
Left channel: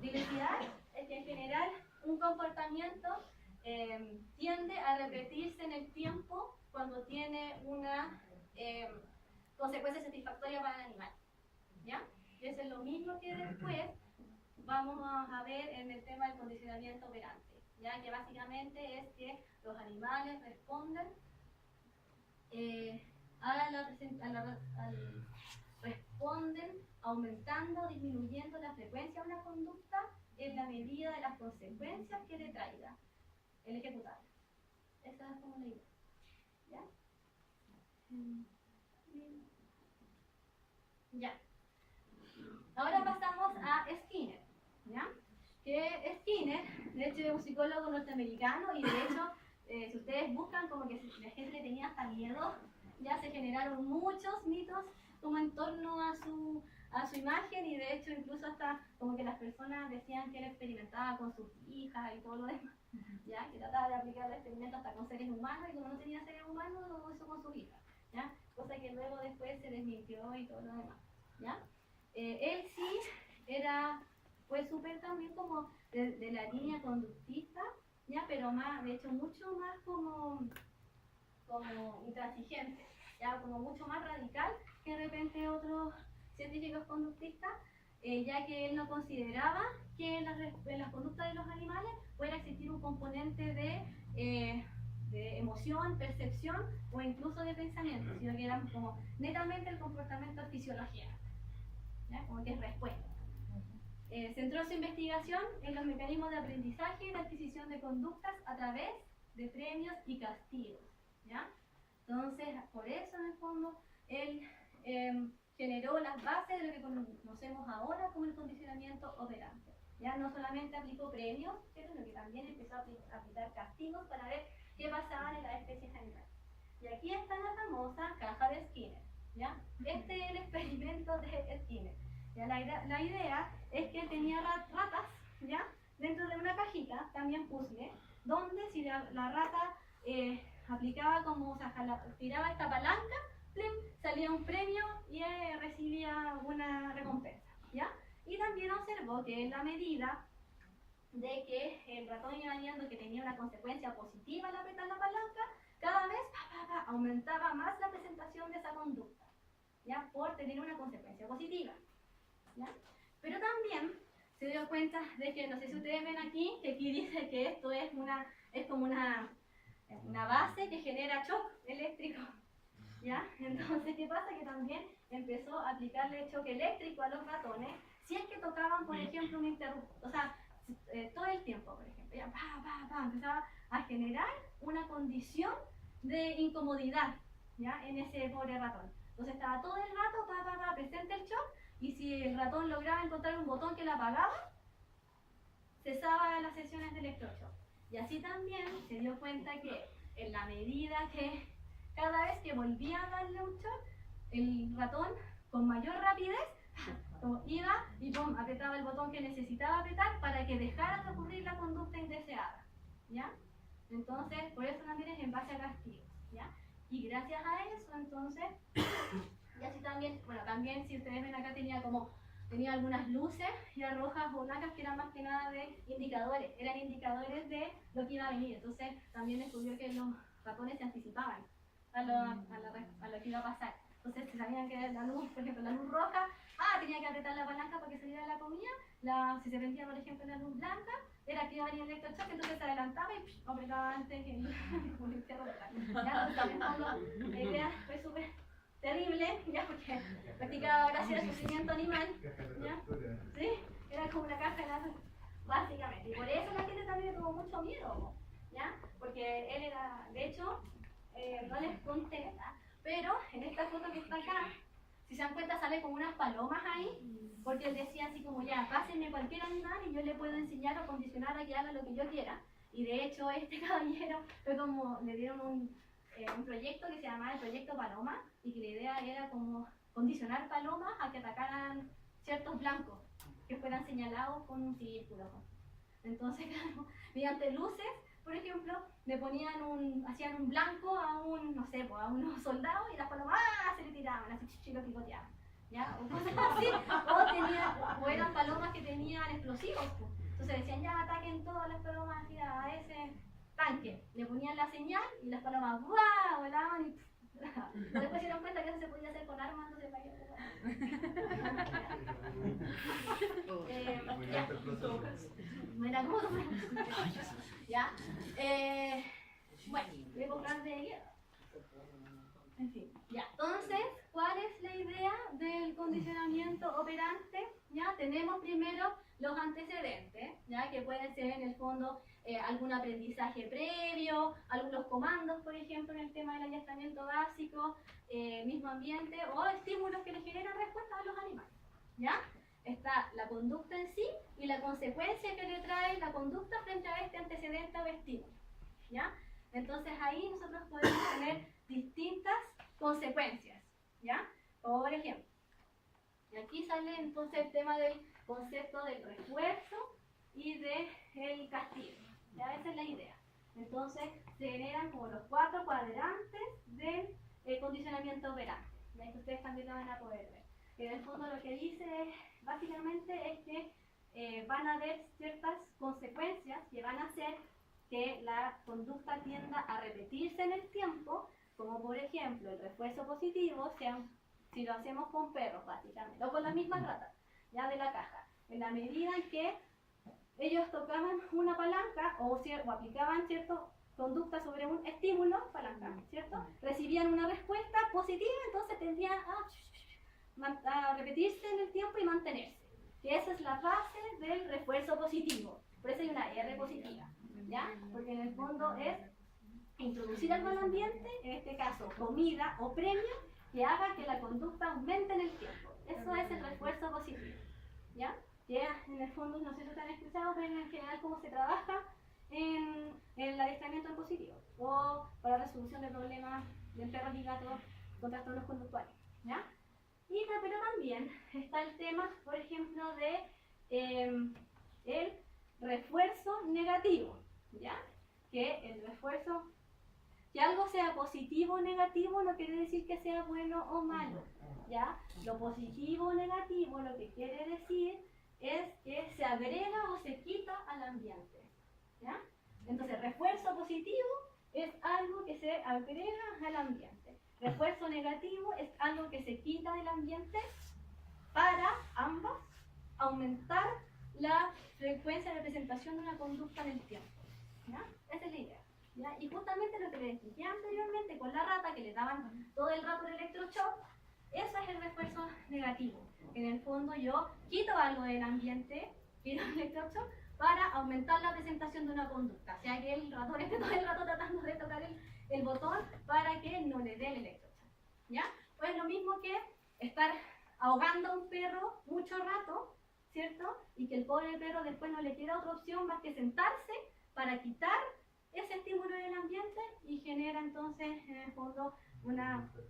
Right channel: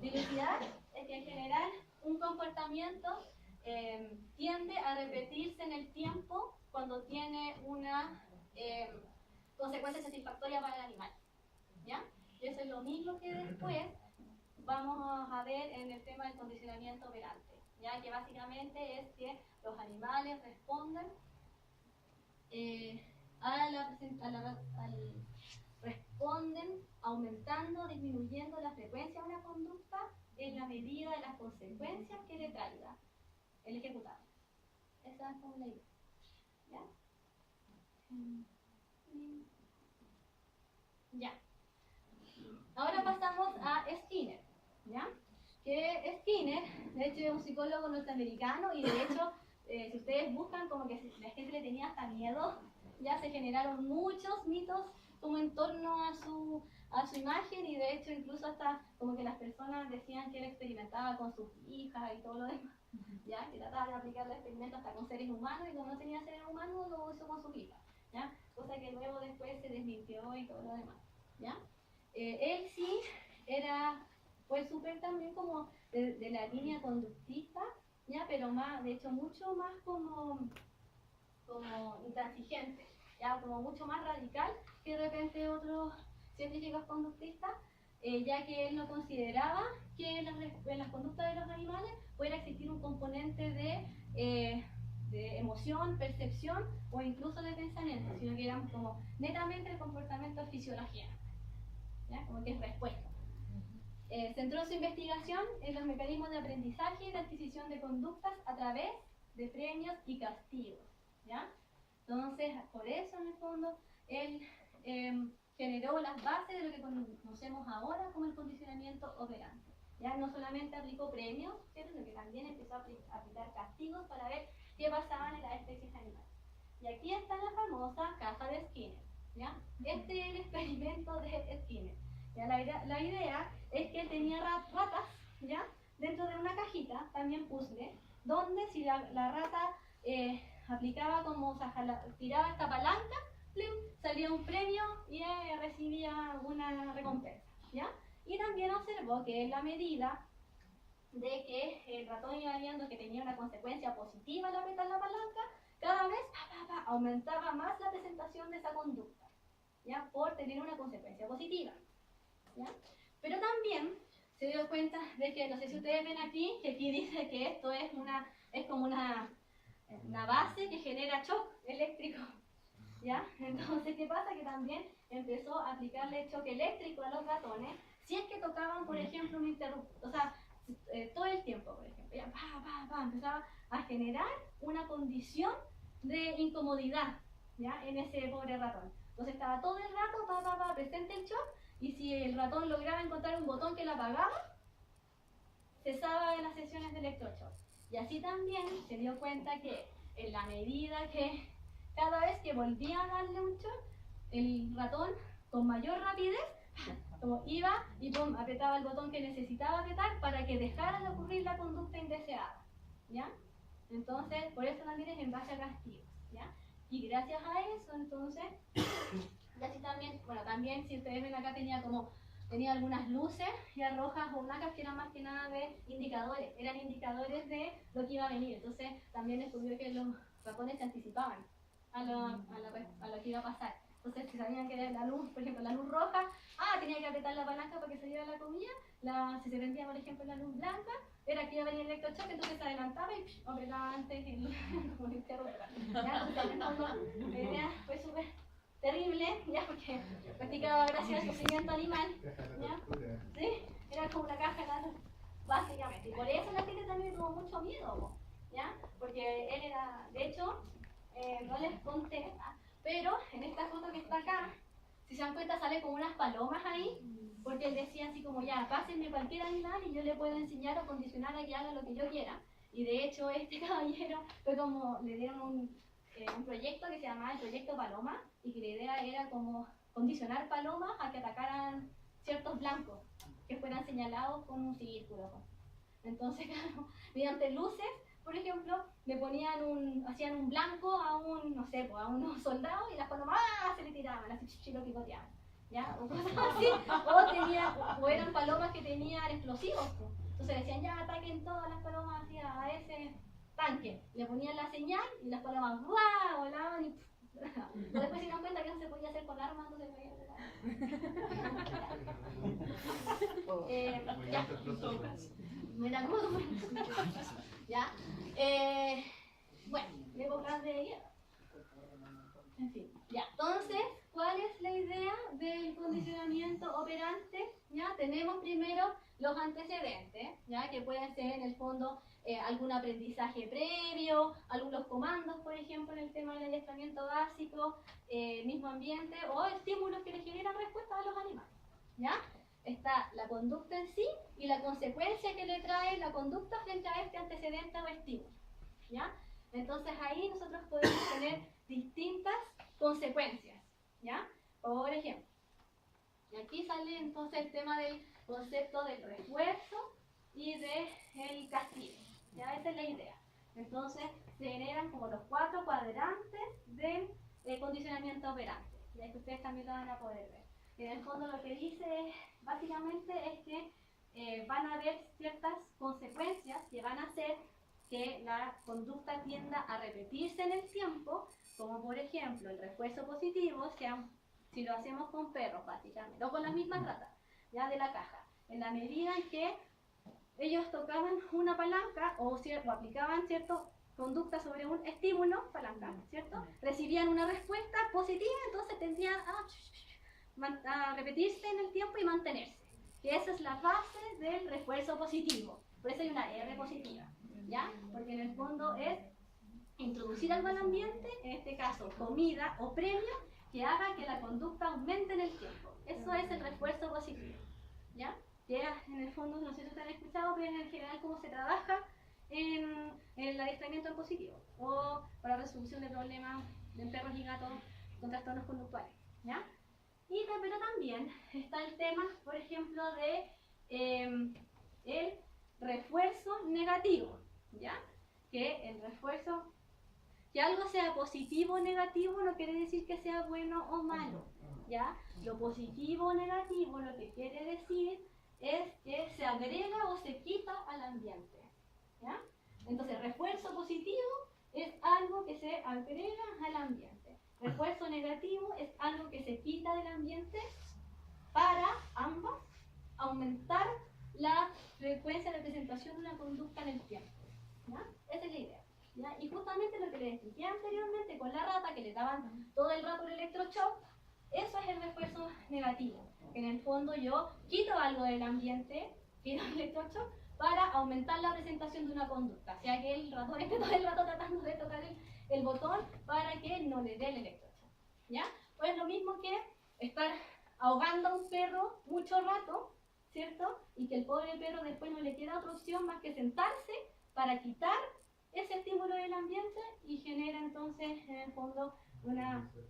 diversidad es que en general un comportamiento tiende a repetirse en el tiempo cuando tiene una consecuencia satisfactoria para el animal, ¿ya? Y eso es lo mismo que después vamos a ver en el tema del condicionamiento operante, ¿ya? Que básicamente es que los animales responden responden aumentando o disminuyendo la frecuencia de una conducta en la medida de las consecuencias que le traiga el ejecutarla. Esa es como la idea, ¿ya? Ya. Ahora pasamos a Skinner, ¿ya? Que Skinner, de hecho, es un psicólogo norteamericano, y de hecho, si ustedes buscan, como que la gente le tenía hasta miedo, ya se generaron muchos mitos como en torno a su imagen, y de hecho incluso hasta como que las personas decían que él experimentaba con sus hijas y todo lo demás, ¿ya? Que trataba de aplicar el experimento hasta con seres humanos, y como no tenía seres humanos lo hizo con sus hijas, ¿ya? Cosa que luego después se desmintió y todo lo demás, ¿ya? Él sí fue súper también como de la línea conductista, ¿ya? Pero más, de hecho mucho más como intransigente, ¿ya? Como mucho más radical que de repente otros científicos conductistas, ya que él no consideraba que en las conductas de los animales pudiera existir un componente de emoción, percepción o incluso de pensamiento, sino que era como netamente el comportamiento de fisiología, ¿ya? Como que es respuesta. Centró su investigación en los mecanismos de aprendizaje y de adquisición de conductas a través de premios y castigos, ¿ya? Entonces, por eso en el fondo él generó las bases de lo que conocemos ahora como el condicionamiento operante. Ya no solamente aplicó premios, sino que también empezó a aplicar castigos para ver qué pasaba en las especies animales. Y aquí está la famosa caja de Skinner, ¿ya? Este es el experimento de Skinner. ¿Ya? La idea es que él tenía ratas, ¿ya? Dentro de una cajita, también puzzle, donde si la rata aplicaba como, o sea, tiraba esta palanca, ¡plim!, salía un premio y recibía una recompensa, ¿ya? Y también observó que en la medida de que el ratón iba viendo que tenía una consecuencia positiva al apretar la palanca, cada vez aumentaba más la presentación de esa conducta, ¿ya? Por tener una consecuencia positiva, ¿ya? Pero también se dio cuenta de que, no sé si ustedes ven aquí, que aquí dice que esto es como una base que genera shock eléctrico, ¿ya? Entonces, ¿qué pasa? Que también empezó a aplicarle choque eléctrico a los ratones si es que tocaban, por ejemplo, un interruptor, o sea, todo el tiempo, por ejemplo, ya, empezaba a generar una condición de incomodidad, ¿ya? En ese pobre ratón. Entonces estaba todo el rato, presente el shock, y si el ratón lograba encontrar un botón que la apagaba, cesaba las sesiones de electroshock. Y así también se dio cuenta que en la medida que cada vez que volvía a darle un shock, el ratón con mayor rapidez iba y apretaba el botón que necesitaba apretar para que dejara de ocurrir la conducta indeseada, ¿ya? Entonces, por eso también es en base a castigos, ¿ya? Y gracias a eso, entonces, y así también, bueno, también si ustedes ven acá tenía algunas luces ya rojas o blancas que eran más que nada de indicadores, eran indicadores de lo que iba a venir. Entonces también descubrió que los ratones se anticipaban a lo que iba a pasar. Entonces si sabían que la luz, por ejemplo, la luz roja, tenía que apretar la palanca para que saliera la comida. Si se prendía, por ejemplo, la luz blanca, era que iba a venir el electroshock, entonces se adelantaba y apretaba antes como el perro de carne. Entonces, en el fondo, la idea fue súper terrible, ya, porque practicaba gracias al sufrimiento animal, ¿ya? Sí, era como una caja de datos, básicamente. Y por eso la gente también tuvo mucho miedo, ¿ya? Porque él era, de hecho, no les conté, pero en esta foto que está acá, si se dan cuenta sale como unas palomas ahí, porque él decía así como, ya, pásenme cualquier animal y yo le puedo enseñar o condicionar a que haga lo que yo quiera. Y de hecho este caballero fue como, le dieron un proyecto que se llamaba el Proyecto Paloma, y que la idea era como condicionar palomas a que atacaran ciertos blancos que fueran señalados con un círculo. Entonces, claro, mediante luces, por ejemplo, hacían un blanco a no sé, a unos soldados, y las palomas se le tiraban, así lo picoteaban, ¿ya? O cosas así, o eran palomas que tenían explosivos, pues. Entonces decían, ya, ataquen todas las palomas así a ese tanque, le ponían la señal y las palomas ¡buah! Volaban y pero después se dieron cuenta que eso se podía hacer con armas, entonces me la dudo. ¿Ya? Bueno, épocas de guerra. En fin, ya. Entonces, ¿cuál es la idea del condicionamiento operante? Ya tenemos primero los antecedentes, ya que pueden ser en el fondo algún aprendizaje previo, algunos comandos, por ejemplo, en el tema del adiestramiento básico, mismo ambiente, o estímulos que le generan respuestas a los animales, ¿ya? Está la conducta en sí y la consecuencia que le trae la conducta frente a este antecedente o estímulo, ¿ya? Entonces ahí nosotros podemos tener distintas consecuencias, ¿ya? Por ejemplo, y aquí sale entonces el tema del concepto del refuerzo y del castigo, ¿ya? Esa es la idea. Entonces se generan como los 4 cuadrantes del condicionamiento operante, ya que ustedes también lo van a poder ver. En el fondo lo que dice básicamente es que van a haber ciertas consecuencias que van a hacer que la conducta tienda a repetirse en el tiempo, como por ejemplo el refuerzo positivo, si lo hacemos con perros básicamente, o con las mismas ratas, ya de la caja, en la medida en que ellos tocaban una palanca o aplicaban cierta conducta sobre un estímulo, palanca, ¿cierto? Recibían una respuesta positiva, entonces tendían a repetirse en el tiempo y mantenerse. Que esa es la base del refuerzo positivo. Por eso hay una R positiva, ¿ya? Porque en el fondo es introducir algo al ambiente, en este caso comida o premio, que haga que la conducta aumente en el tiempo. Eso es el refuerzo positivo, ¿ya? Que en el fondo, no sé si ustedes han escuchado, pero en general cómo se trabaja en el adiestramiento en positivo o para la resolución de problemas de perros y gatos con trastornos conductuales, ¿ya? Pero también está el tema, por ejemplo, de el refuerzo negativo, ¿ya? Que el refuerzo que algo sea positivo o negativo no quiere decir que sea bueno o malo, ¿ya? Lo positivo o negativo lo que quiere decir es que se agrega o se quita al ambiente, ¿ya? Entonces, refuerzo positivo es algo que se agrega al ambiente. Refuerzo negativo es algo que se quita del ambiente para ambas aumentar la frecuencia de representación de una conducta en el tiempo, ¿ya? Esa es la idea, ¿ya? Y justamente lo que les expliqué anteriormente con la rata, que le daban todo el rato el electroshock, eso es el refuerzo negativo. En el fondo yo quito algo del ambiente, quito el electroshock, para aumentar la presentación de una conducta. O sea que el ratón esté todo el rato tratando de tocar el botón para que no le dé el electroshock, ¿ya? Pues es lo mismo que estar ahogando a un perro mucho rato, ¿cierto? Y que el pobre perro después no le queda otra opción más que sentarse para quitar ese estímulo del ambiente y genera entonces en el fondo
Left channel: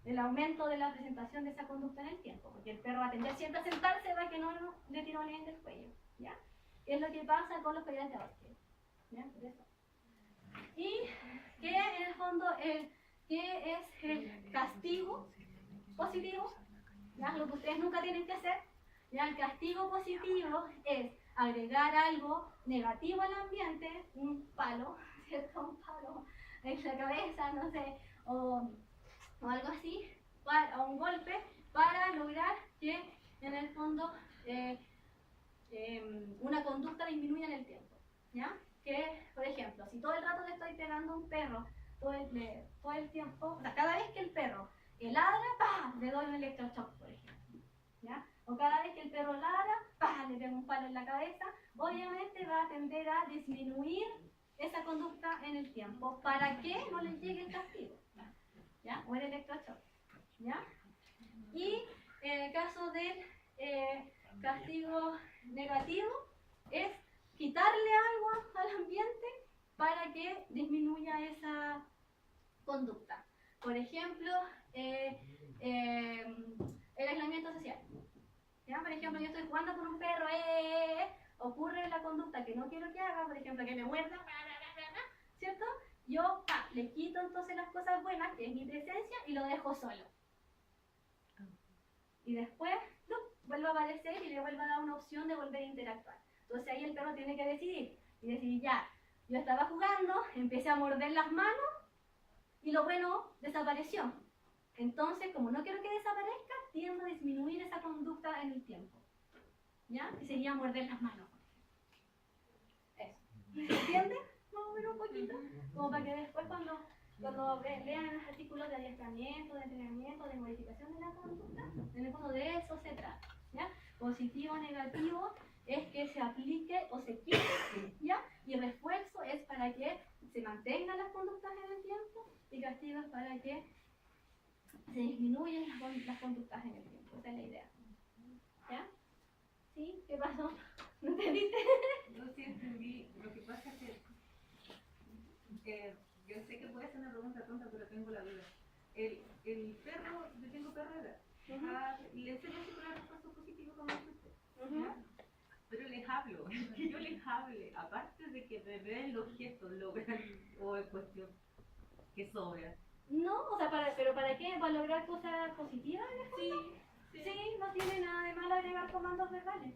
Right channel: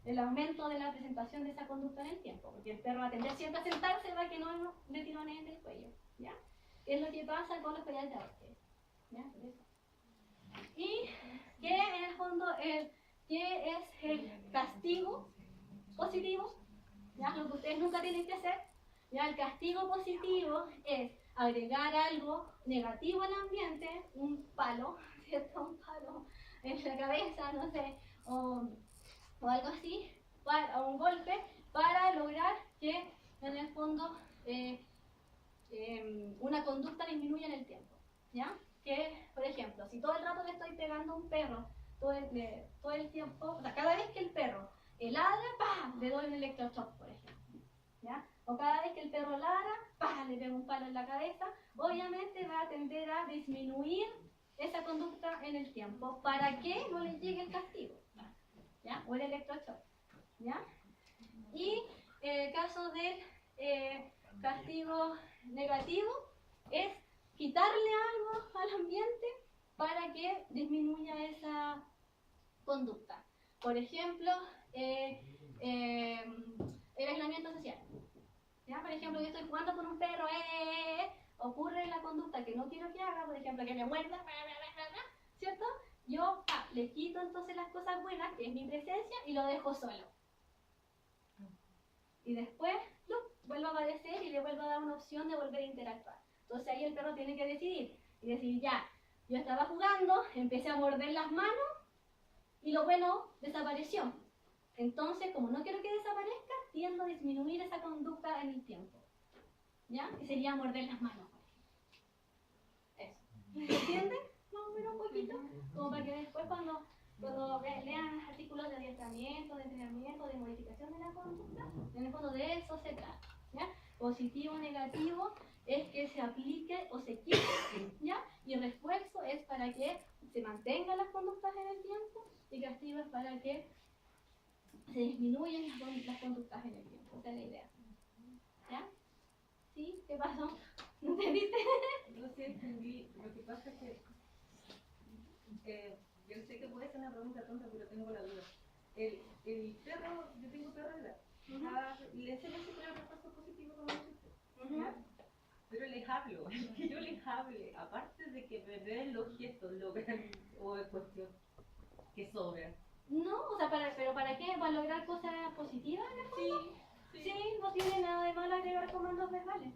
el aumento de la presentación de esa conducta en el tiempo, porque el perro va a tender siempre a sentarse para que no le tironeen el cuello, ¿ya? Es lo que pasa con los collares de ahorque, ¿ya? Y que en el fondo ¿qué es el castigo positivo? ¿Ya? Lo que ustedes nunca tienen que hacer, ¿ya? El castigo positivo es agregar algo negativo al ambiente, un palo, ¿cierto? Un palo en la cabeza, no sé, o algo así, o un golpe, para lograr que en el fondo una conducta disminuya en el tiempo, ¿ya? Que, por ejemplo, si todo el rato le estoy pegando a un perro, todo el tiempo, o sea, cada vez que el perro ladra, ¡pah!, le doy un electroshock, por ejemplo, ¿ya? O cada vez que el perro ladra, ¡pah!, le pego un palo en la cabeza, obviamente va a tender a disminuir esa conducta en el tiempo para que no le llegue el castigo, ¿ya? O el electroshock, ¿ya? Y en el caso del castigo negativo es quitarle algo al ambiente para que disminuya esa conducta. Por ejemplo, el aislamiento social, ¿ya? Por ejemplo, yo estoy jugando con un perro, ocurre la conducta que no quiero que haga, por ejemplo, que me muerda, ¿cierto? Yo le quito entonces las cosas buenas, que es mi presencia, y lo dejo solo. Y después vuelve a aparecer y le vuelve a dar una opción de volver a interactuar. Entonces ahí el perro tiene que decidir. Y decir, ya, yo estaba jugando, empecé a morder las manos y lo bueno desapareció. Entonces, como no quiero que desaparezca, tiendo a disminuir esa conducta en el tiempo, ¿ya? Que sería morder las manos. Eso. ¿Se entiende? Más o menos un poquito. Como para que después cuando lean los artículos de adiestramiento, de entrenamiento, de modificación de la conducta, en el fondo de eso se trata, ¿ya? Positivo, negativo es que se aplique o se quite, ¿ya? Y refuerzo es para que se mantengan las conductas en el tiempo, y castigo es para que se disminuyan las conductas en el tiempo. Esa es la idea, ¿ya? ¿Sí? ¿Qué pasó? ¿No entendiste? No sé, entendí. Lo que pasa es que yo sé que puede ser una pregunta tonta, pero tengo la duda. El perro, yo tengo perro de edad, le enseño siempre el refuerzo positivo como usted, ¿ya? Pero les hablo, que yo les hable, aparte de que me vean los gestos, logran, o es cuestión que sobra. No, o sea, ¿pero para qué? ¿Para lograr cosas positivas en el fondo? Sí, no tiene nada de malo agregar comandos verbales.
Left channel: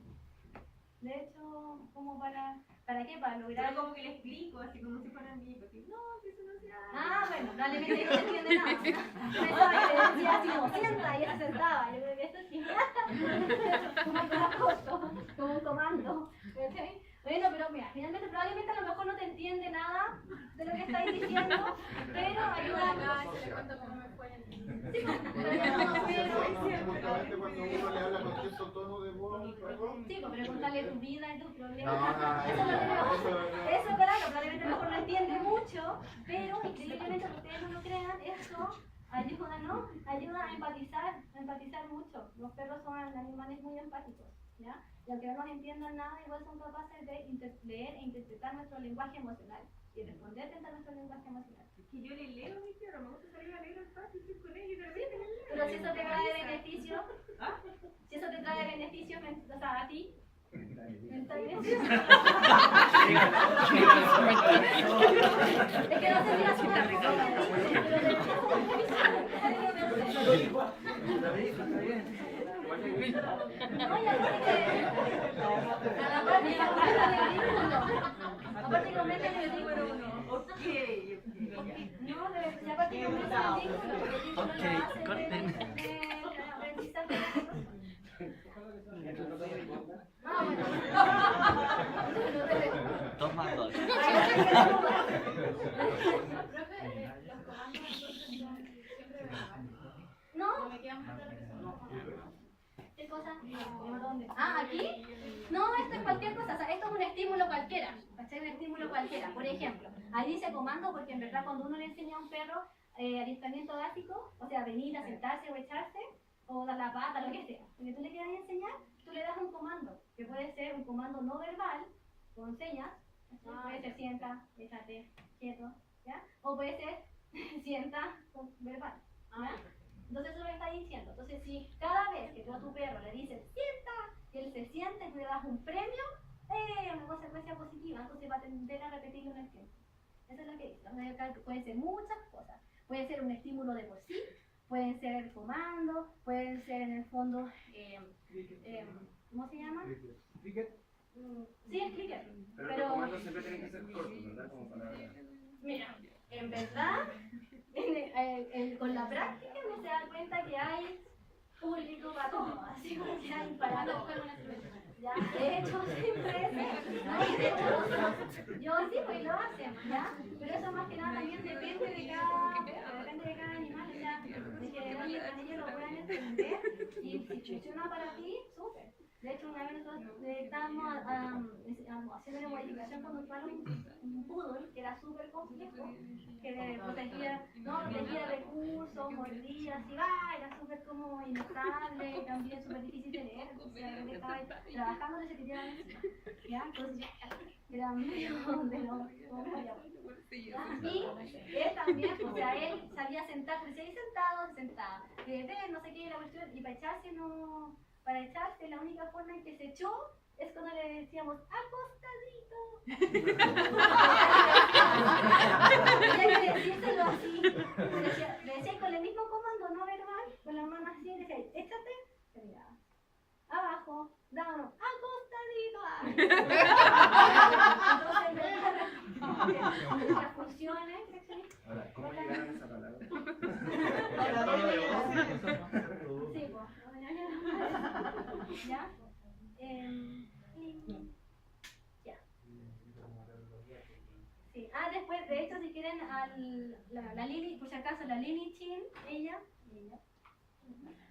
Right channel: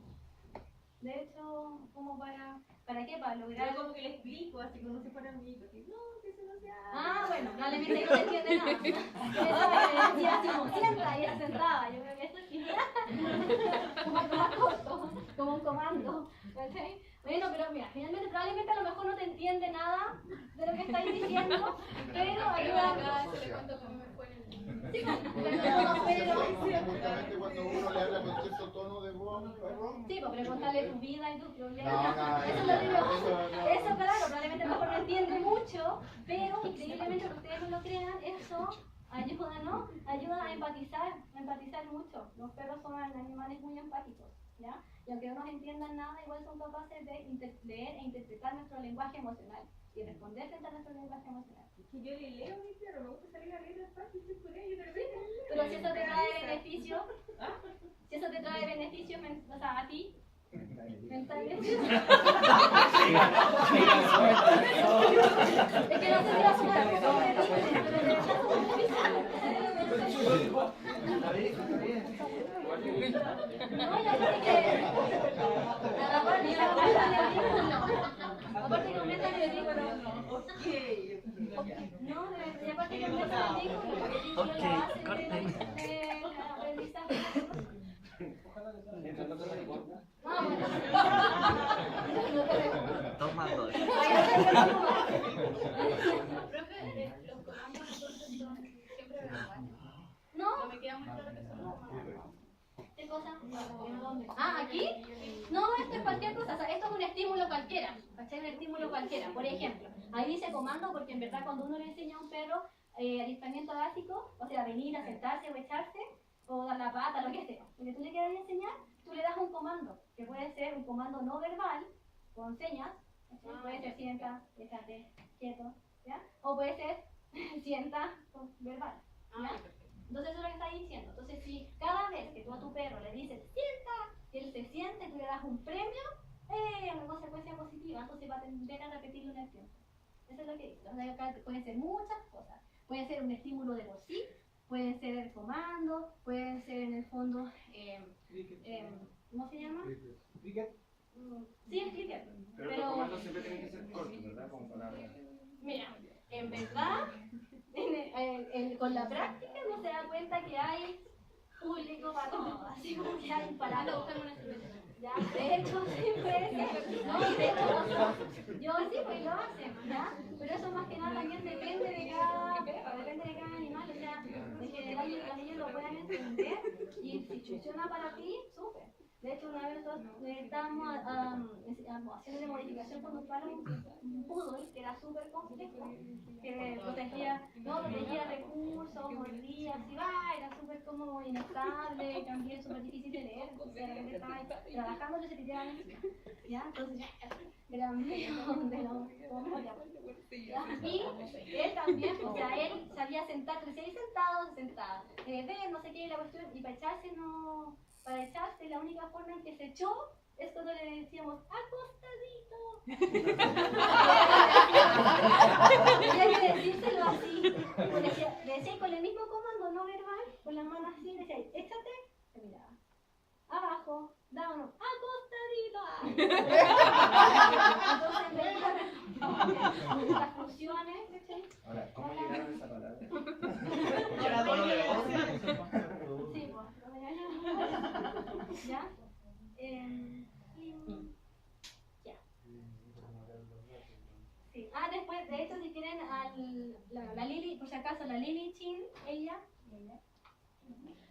De hecho, como ¿para qué? Para lograr... Pero como que le explico, así como si fuera un niño, así, no, que eso no se hace. Ah, bueno, probablemente no entiende nada. Yo pensaba que le decía así como sienta, y ella sentaba. Yo creo que eso sí. Como más corto, como un comando. ¿Sí? Bueno, pero mira, finalmente probablemente a lo mejor no te entiende nada de lo que estáis diciendo, pero ayuda. Se le cuento cómo me fue en el libro. Sí, pero Justamente cuando uno le habla con cierto tono de voz, sí, pero contarle tu vida y tus problemas. No, Eso es lo que eso, claro, probablemente a lo mejor no entiende mucho, pero increíblemente, aunque ustedes no lo crean, eso ayuda, ¿no? Ayuda a empatizar mucho. Los perros son animales muy empáticos, ¿ya? Y aunque no nos entiendan nada, igual son capaces de leer e interpretar nuestro lenguaje emocional y responder frente a nuestro lenguaje emocional. Es que yo le leo a mi perro, me gusta salir a leer al patio, estoy con ellos y de repente le leo. Pero si eso te trae beneficio, ¿Ah? si eso te trae beneficios, o sea, a ti, mentalmente. Es que no sé si vas a Eso está bien. No, ya sé que aparte que aumenta el ridículo. Ok. No, y aparte que aumenta el ridículo, porque el ridículo Ok, lo hace corten. aprendizaje. Ah, bueno. Toma dos. Ahí ¿no? ¿Qué cosa? Ah, ¿aquí? No, esto es cualquier cosa, o sea, esto es un estímulo cualquiera, ¿cachai? Un estímulo cualquiera. Por ejemplo, ahí dice comando porque en verdad cuando uno le enseña a un perro adiestramiento básico, o sea, venir a sentarse o echarse, o dar la pata, lo que sea, lo que tú le quieras enseñar, tú le das un comando, que puede ser un comando no verbal, con señas, ¿cachai? Puede ser sienta, échate, quieto, ¿ya? O puede ser sienta, con verbal, ¿ya? Entonces eso es lo que está diciendo. Entonces si cada vez que tú a tu perro le dices sienta, y él se sienta y tú le das un premio, una consecuencia positiva, entonces va a tender a repetirlo en el tiempo. Eso es lo que dice. O sea, acá pueden ser muchas cosas. Puede ser un estímulo de por sí, pueden ser el comando, pueden ser en el fondo, ¿cómo se llama? ¿Cricket? Sí, es clicker. Pero los comandos siempre tienen que ser cortos, ¿verdad? Como palabras. Mira, en verdad, con la práctica uno se da cuenta que hay público para todo, así como que hay para todo. Ya, de hecho, siempre no, y de hecho, yo sí, pues lo hacen, ¿ya? Pero eso más que nada también depende de cada animal, o sea, de que ellos lo puedan entender y si funciona para ti, súper. De hecho, una vez nosotros estábamos haciendo una modificación con un poodle que era súper complejo, que protegía recursos, mordía, así va, era súper como inestable, también súper difícil de leer, entonces de repente estaba trabajando y se tiraban encima, ¿ya? Entonces era medio de lo y él también, o sea, él sabía sentarse, decía ahí sentado, se sentaba, ver, no sé qué, la cuestión, y para echarse no... Para echarse, la única forma en que se echó es cuando le decíamos acostadito. Tenía que decírselo así. Le decía con el mismo comando no verbal, con las manos así, le decía, échate, se miraba. Abajo, dámonos, acostadito. Entonces, las funciones, ¿cachai? Ahora, ¿cómo llegaron a esa palabra? Sí, pues. ¿Ya? Ya. Sí. Ah, después, de hecho, si quieren, la Lili, por si acaso, la Lili Chin, ella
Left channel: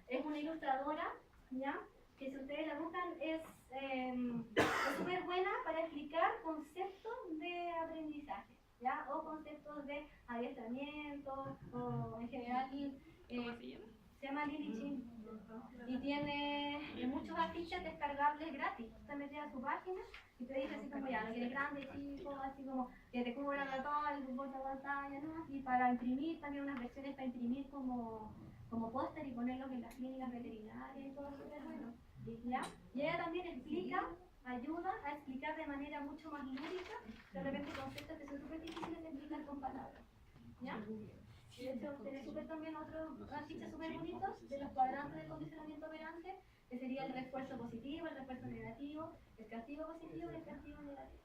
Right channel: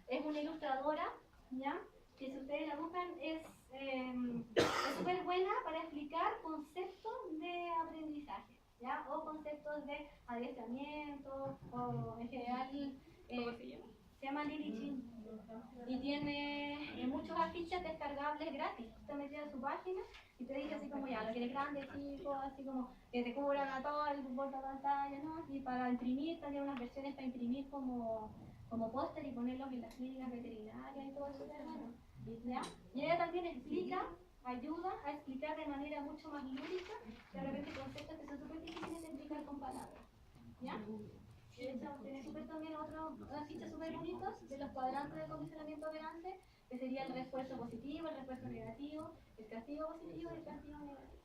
es una ilustradora, ¿ya? Que si ustedes la buscan, es súper buena para explicar conceptos de aprendizaje, ¿ya? O conceptos de adiestramiento, o en general. ¿Cómo se llama? Se llama Lili Chin y tiene muchos afiches descargables gratis. Te metes a su página y te dice así como ya, lo quieres grande, chico, así como que te cubran a todo y tu pantalla, ¿no? Y para imprimir también unas versiones para imprimir como póster y ponerlos en las clínicas veterinarias y todo eso, bueno, ¿ya? Y ella también ayuda a explicar de manera mucho más lúdica de repente conceptos que son súper difíciles de explicar con palabras, ¿ya? De hecho, tiene también otros afiches súper bonitos de los cuadrantes de condicionamiento operante, que sería el refuerzo positivo, el refuerzo negativo, el castigo positivo y el castigo negativo.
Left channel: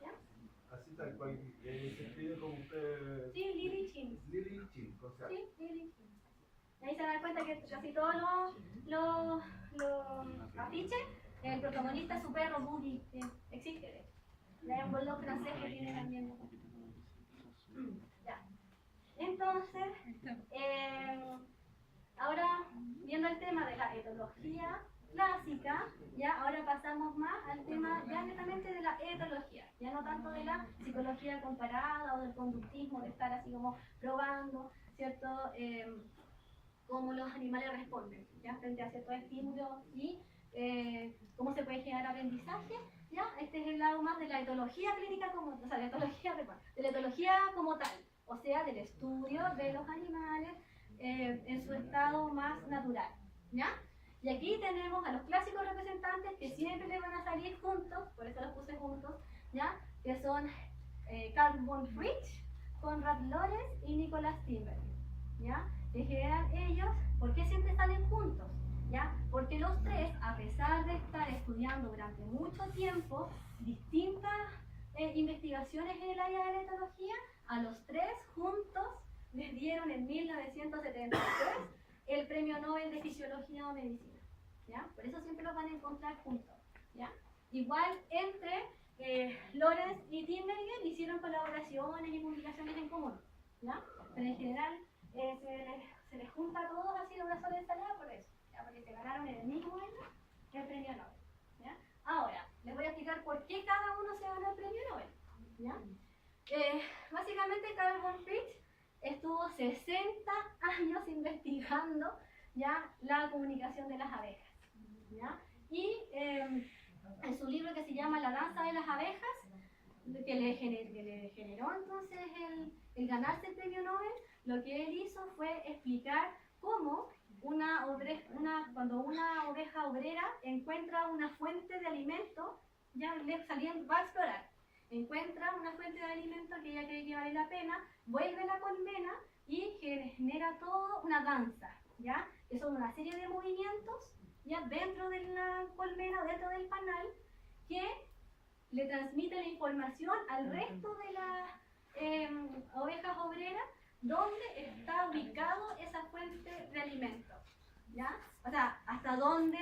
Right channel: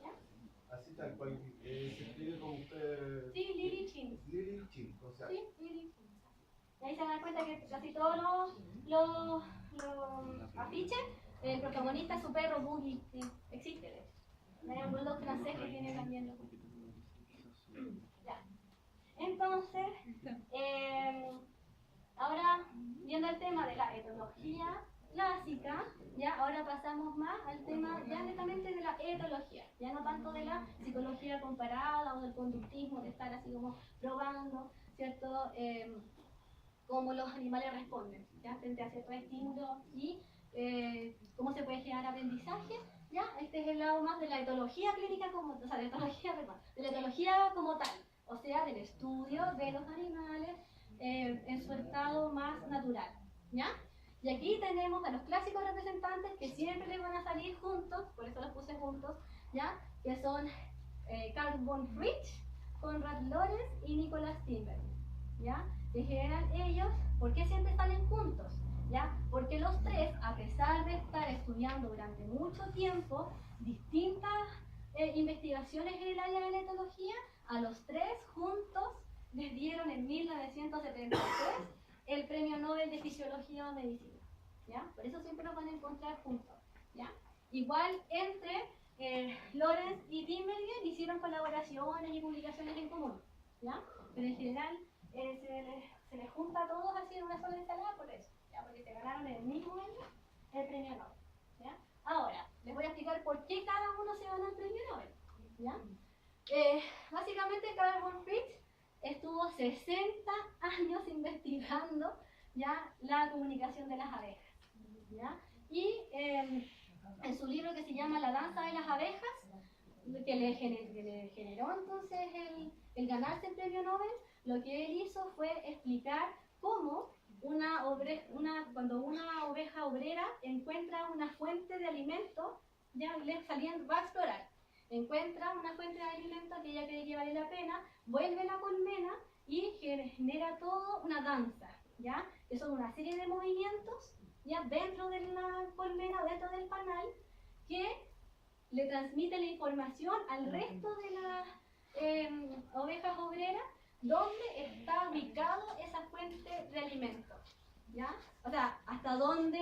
¿Ya? Así tal cual, se escribe como usted... Sí, Lili Chin. Lili Chin, o sea... Sí, Lili Chin. Y ahí se dan cuenta que casi todos los afiches, el protagonista es su perro Boogie, que existe de hecho. Y hay un bulldog francés que tiene también los... Ya. Entonces, ahora viendo el tema de la etología clásica, ya ahora pasamos más al tema ya netamente de la etología, ya no tanto de la psicología comparada o del conductismo, de estar así como probando, ¿cierto? Cómo los animales responden, ¿ya? Frente a ciertos estímulos y cómo se puede generar aprendizaje, ¿ya? Este es el lado más de la etología clínica, de la etología como tal. O sea, del estudio de los animales en su estado más natural, ¿ya? Y aquí tenemos a los clásicos representantes que siempre les van a salir juntos, por eso los puse juntos, ¿ya? Que son Carl von Fritsch, Konrad Lorenz y Nicholas Timberg, ¿ya? que generan ellos, ¿por qué siempre salen juntos? ¿Ya? Porque los tres, a pesar de estar estudiando durante mucho tiempo distintas investigaciones en el área de la etología, a los tres juntos les dieron en 1973 el Premio Nobel de Fisiología o Medicina. ¿Ya? Por eso siempre los van a encontrar juntos. ¿Ya? Igual entre Lorenz y Tinbergen hicieron colaboraciones y publicaciones en común. ¿Ya? Pero en general se les junta a todos así en una sola ensalada por eso. ¿Ya? Porque se ganaron en el mismo año el Premio Nobel. ¿Ya? Ahora, les voy a explicar por qué cada uno se ganó el Premio Nobel. ¿Ya? Básicamente Carl von Fritsch estuvo 60 años investigando ya la comunicación de las abejas. ¿Ya? Y en su libro que se llama La danza de las abejas, que le generó entonces el ganarse el premio Nobel, lo que él hizo fue explicar cómo cuando una oveja obrera encuentra una fuente de alimento, ya va a explorar, encuentra una fuente de alimento que ella cree que vale la pena, vuelve a la colmena y genera todo una danza, ¿ya? Que son una serie de movimientos ya dentro de la colmena, dentro del panal, que le transmite la información al resto de las ovejas obreras dónde está ubicado esa fuente de alimento, ¿ya? O sea, hasta dónde,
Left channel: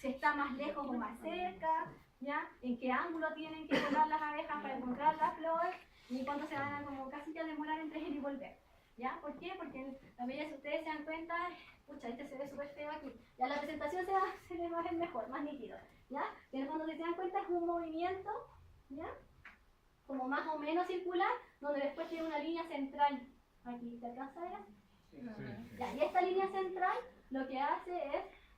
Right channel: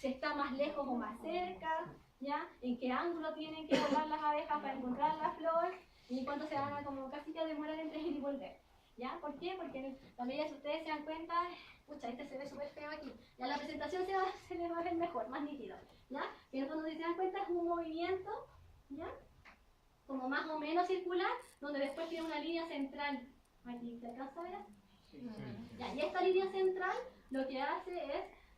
si está más lejos o más cerca, ¿ya? En qué ángulo tienen que volar las abejas para encontrar la flor y cuánto se van a como casi que demorar entre ir y volver, ¿ya? ¿Por qué? Porque también si ustedes se dan cuenta, pucha, este se ve súper feo aquí, ya la presentación se les va a ver mejor, más nítido, ¿ya? Que en el fondo si se dan cuenta es un movimiento, ¿ya? Como más o menos circular, donde después tiene una línea central. Aquí, ¿se alcanza a ver? Ya, y esta línea central lo que hace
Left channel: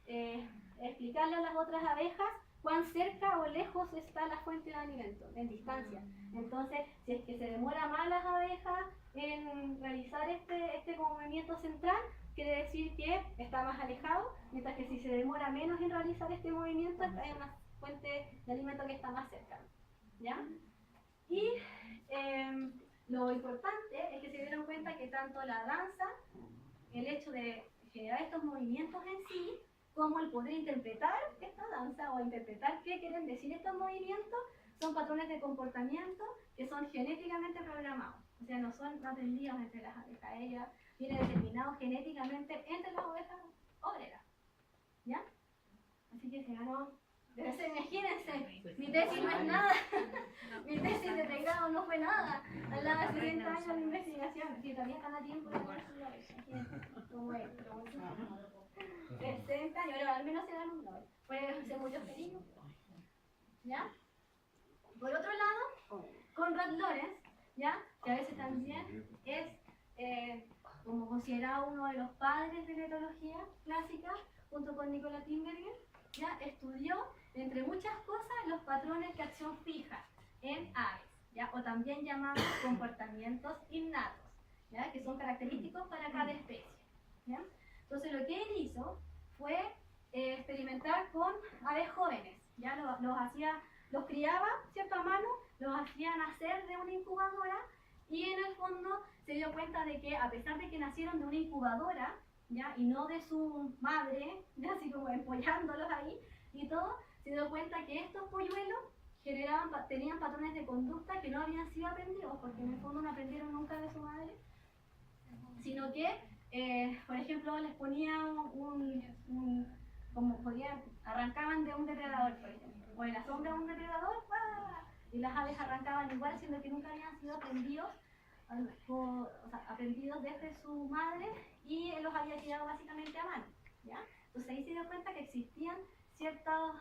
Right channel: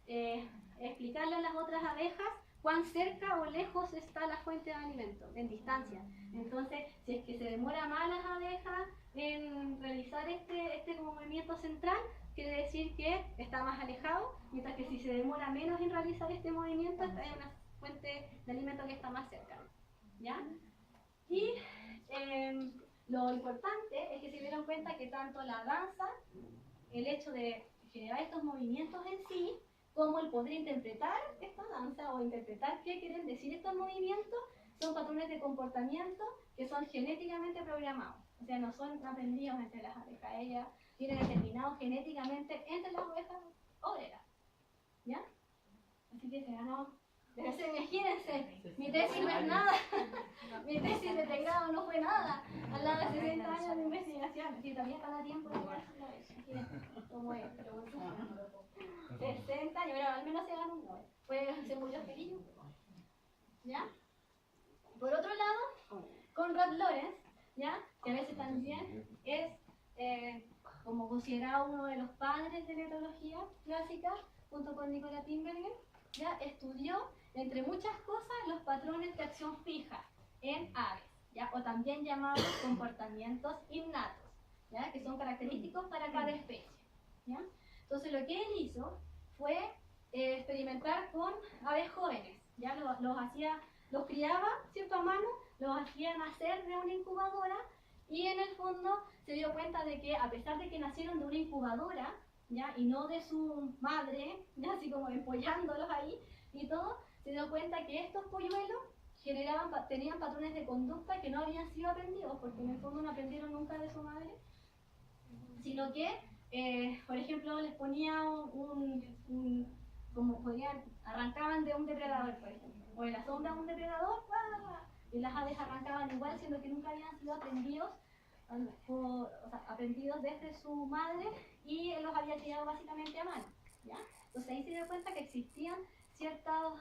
es explicarle a las otras abejas cuán cerca o lejos está la fuente de alimento, en distancia. Entonces, si es que se demora más las abejas en realizar este movimiento central, quiere decir que está más alejado, mientras que si se demora menos en realizar este movimiento, hay una fuente de alimento que está más cerca. ¿Ya? Y lo importante es que se dieron cuenta que tanto la danza, el hecho de generar estos movimientos en sí, como el poder interpretar esta danza o interpretar qué quieren decir estos movimientos, son patrones de comportamiento que son genéticamente programados. O sea, no son aprendidos entre las abejas, ella viene determinado genéticamente entre las ovejas obreras. ¿Ya? Así que se ganó. Imagínense, mi tesis no es nada, mi tesis de pregrado no fue nada, al lado de 60 años de investigación, que todavía están a tiempo de hacerlo, como es, 60 años, pero al menos se ganó un Nobel, puede ser muy feliz. ¿Ya? Por otro lado, Konrad Lorenz, ¿ya? Que a veces también es como considerado uno de los padres de la etología clásica, junto con Nicola Tinbergen, ya estudió, entre muchas cosas, los patrones de acción fija en aves, ¿ya? O también llamados comportamientos innatos, ¿ya? Que son característicos para cada especie, ¿ya? Entonces lo que él hizo fue experimentar con aves jóvenes, ¿ya? Los criaba, ¿cierto? A mano, los hacía nacer de una incubadora y en el fondo se dio cuenta de que a pesar de que nacieron de una incubadora, ¿ya? Y no de su madre, ¿ya? Así como empollándolos ahí y todo, se dio cuenta que estos polluelos tenían patrones de conducta que no habían sido aprendidos, porque en el fondo no aprendieron nunca de su madre, sino que, por ejemplo, les ponía arrancaban de un depredador, por ejemplo, o en la sombra de un depredador, ¡guau! Y las aves arrancaban igual, siendo que nunca habían sido aprendidos, aprendidos desde su madre, y él los había criado básicamente a mano, ¿ya? Entonces ahí se dio cuenta que existían ciertas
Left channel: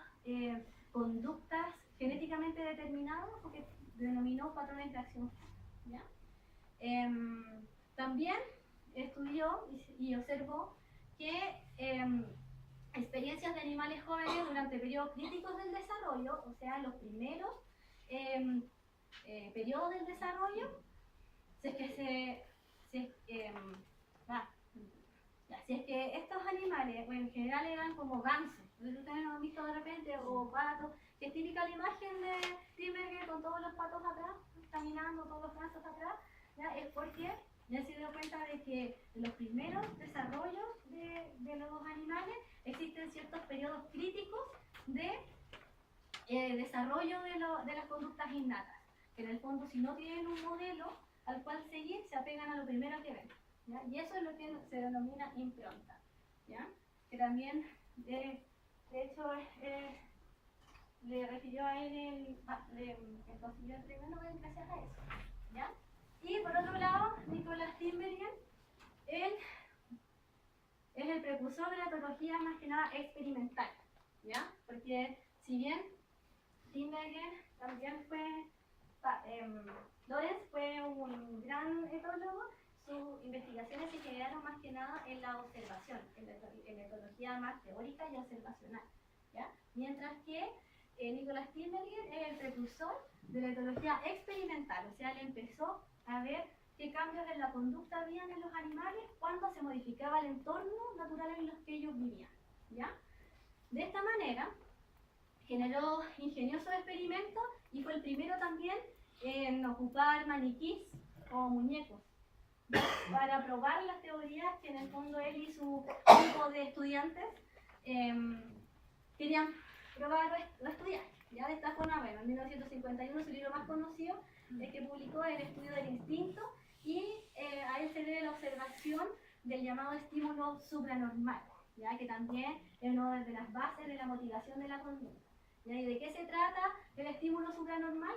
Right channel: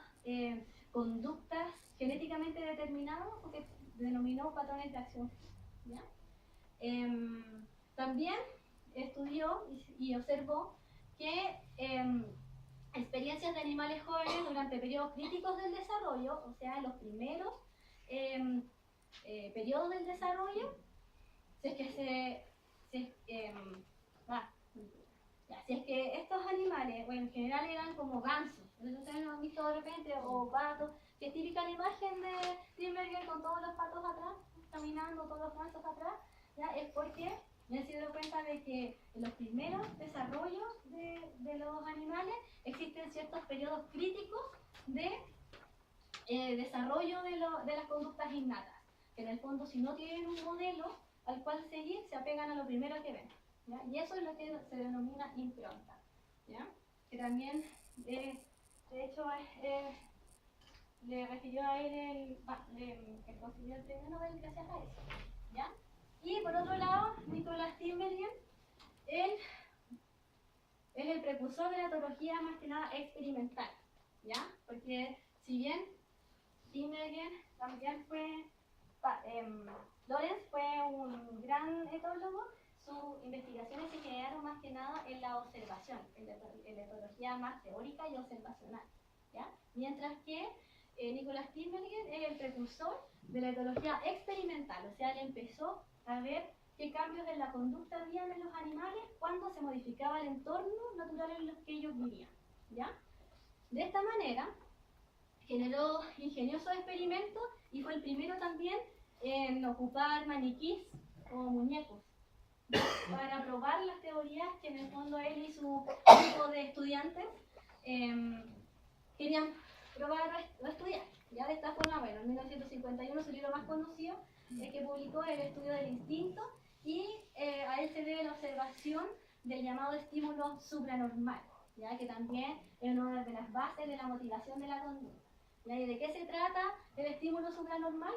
conductas genéticamente determinadas, o que denominó patrones de acción, ¿ya? También estudió y observó que experiencias de animales jóvenes durante periodos críticos del desarrollo, o sea, los primeros periodos del desarrollo, si es que estos animales, o en general eran como gansos, entonces ustedes lo han visto de repente, o patos, que es típica la imagen de Tinbergen con todos los patos atrás, caminando, todos los gansos atrás, ¿ya? Es porque me he dado cuenta de que en los primeros desarrollos de los animales existen ciertos periodos críticos de desarrollo de las conductas innatas. En el fondo, si no tienen un modelo al cual seguir, se apegan a lo primero que ven, ¿ya? Y eso es lo que se denomina impronta, ¿ya? Que también, de hecho, le refirió a él el consiguió el premio Nobel gracias a eso, ¿ya? Y por otro lado, Nicolás Tinbergen, él es el precursor de la etología más que nada experimental, ¿ya? Porque si bien Tinbergen también Lorenz fue un gran etólogo, sus investigaciones se generaron más que nada en la observación, en la etología más teórica y observacional, ¿ya? Mientras que Nicolás Tinbergen es el precursor de la etología experimental, o sea, él empezó a ver qué cambios en la conducta habían en los animales cuando se modificaba el entorno natural en los que ellos vivían, ¿ya? De esta manera, generó ingeniosos experimentos y fue el primero también en ocupar maniquís o muñecos, ¿ya? Para probar las teorías que en el fondo él y su grupo de estudiantes querían probar o estudiar. Ya de esta forma, bueno, en 1951 su libro más conocido es que publicó El estudio del instinto y a él se debe la observación del llamado estímulo supranormal, ya que también es una de las bases de la motivación de la conducta. ¿Ya? ¿Y de qué se trata el estímulo supranormal?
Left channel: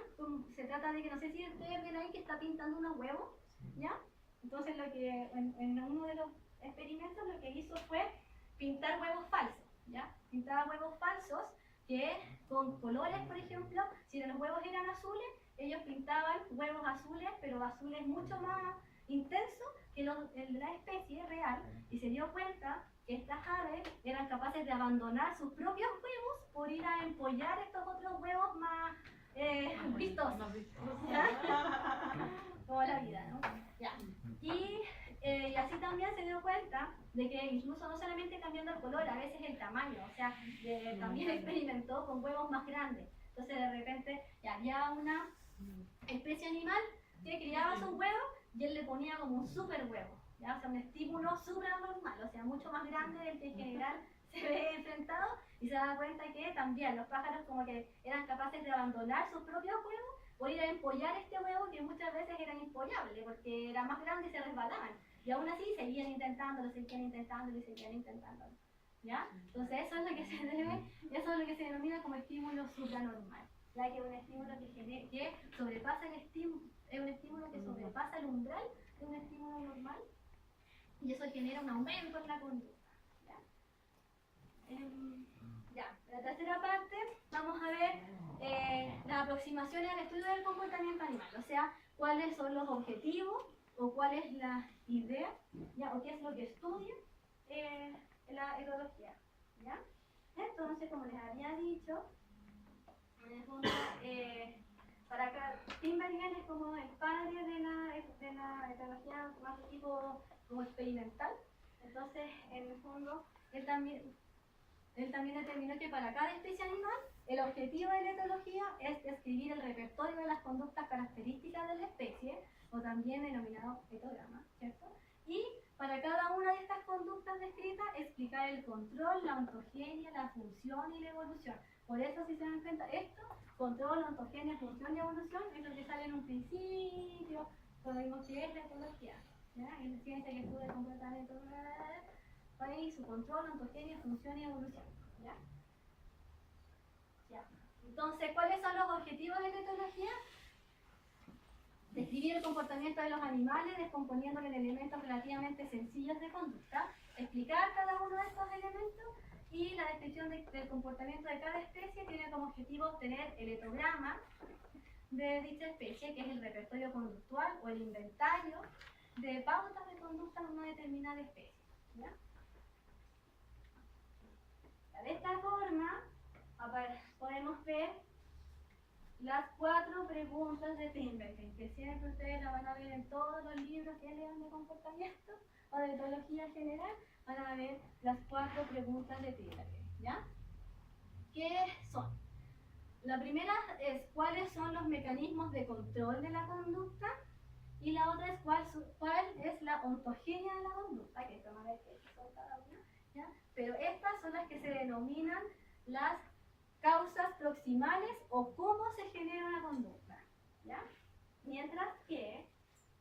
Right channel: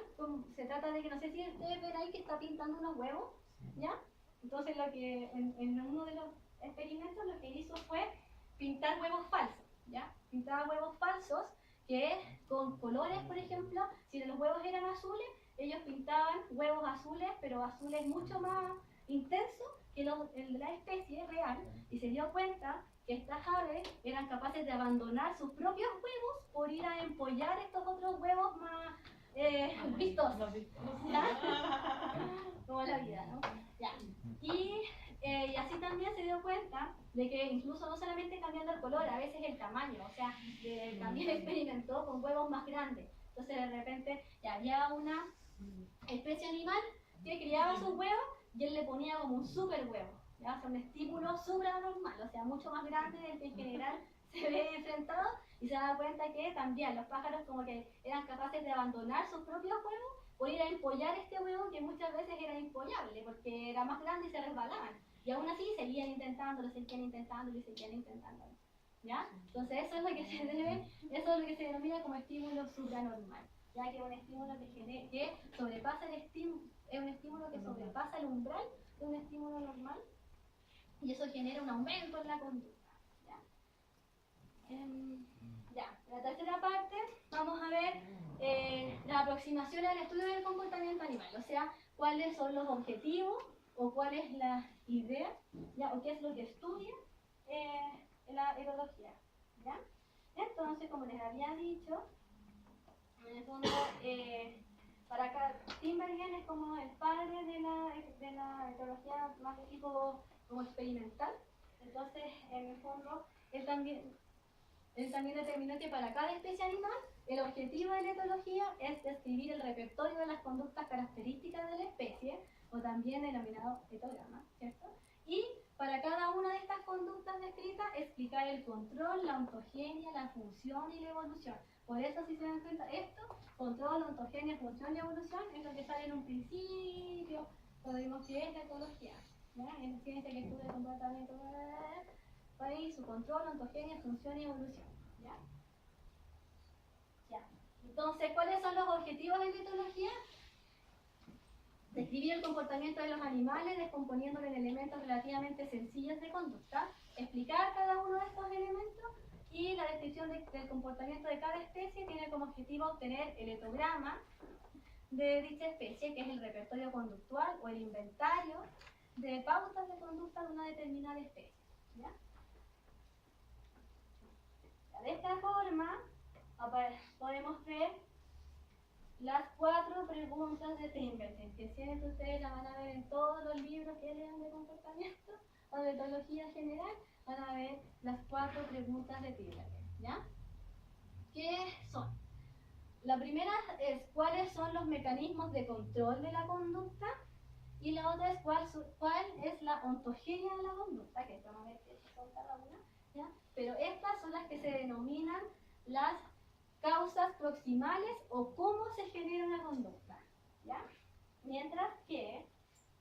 Se trata de que, no sé si ustedes ven ahí que está pintando unos huevos, ¿ya? Entonces lo que en uno de los experimentos lo que hizo fue pintar huevos falsos, ¿ya? Pintaba huevos falsos que con colores, por ejemplo, si los huevos eran azules, ellos pintaban huevos azules, pero azules mucho más intensos que los de la especie real, y se dio cuenta que estas aves eran capaces de abandonar sus propios huevos por ir a empollar estos otros huevos más vistosos. Como la vida, ¿no? Ya. Y así también se dio cuenta de que incluso no solamente cambiando el color, a veces el tamaño, o sea, también experimentó con huevos más grandes. Entonces de repente ya había una especie animal que criaba sus huevos y él le ponía como un super huevo, ¿ya? O sea, un estímulo supranormal, o sea, mucho más grande del que en general se ve enfrentado, y se da cuenta que también los pájaros como que eran capaces de abandonar sus propios huevos por ir a empollar este huevo que muchas veces era impollable porque era más grande y se resbalaban, y aún así seguían intentándolo, ¿ya? Entonces eso es lo que se debe, eso es lo que se denomina como estímulo supranormal, ya que es un estímulo que sobrepasa el estímulo, es un estímulo que sobrepasa el umbral de un estímulo normal, y eso genera un aumento en la conducta, ¿ya? La tercera parte vamos a ver la aproximación al estudio del comportamiento animal, o sea, cuáles son los objetivos o cuál es la idea, ¿ya? O qué es lo que estudia la etología, ¿ya? Entonces, como les había dicho, en el fondo, para acá, Tinbergen es como el padre de la etología más de tipo como experimental. Entonces, en el fondo, él también determinó que para cada especie animal, el objetivo de la etología es describir el repertorio de las conductas características de la especie, o también denominado etograma, ¿cierto? Y para cada una de estas conductas descritas, explicar el control, la ontogenia, la función y la evolución. Por eso, si se dan cuenta, esto, control, ontogenia, función y evolución, es lo que sale en un principio, cuando vimos que es la etología, ¿ya? En ciencia que estudia el comportamiento, ahí su control, ontogenia, función y evolución, ¿ya? Ya. Entonces, ¿cuáles son los objetivos de la etología? Describir el comportamiento de los animales, descomponiéndolo en elementos relativamente sencillos de conducta, explicar cada uno de estos elementos, y la descripción del comportamiento de cada especie tiene como objetivo obtener el etograma de dicha especie, que es el repertorio conductual o el inventario de pautas de conducta de una determinada especie, ¿ya? De esta forma podemos ver las 4 preguntas de Tinbergen, que siempre ustedes la van a ver en todos los libros que lean de comportamiento o de etología general, van a ver las 4 preguntas de Tinbergen, ¿ya? ¿Qué son? La primera es cuáles son los mecanismos de control de la conducta, Y la otra es cuál es la ontogenia de la conducta, que vamos a ver que son cada una, ¿ya? Pero estas son las que se denominan las causas proximales o cómo se genera una conducta, ¿ya? Mientras que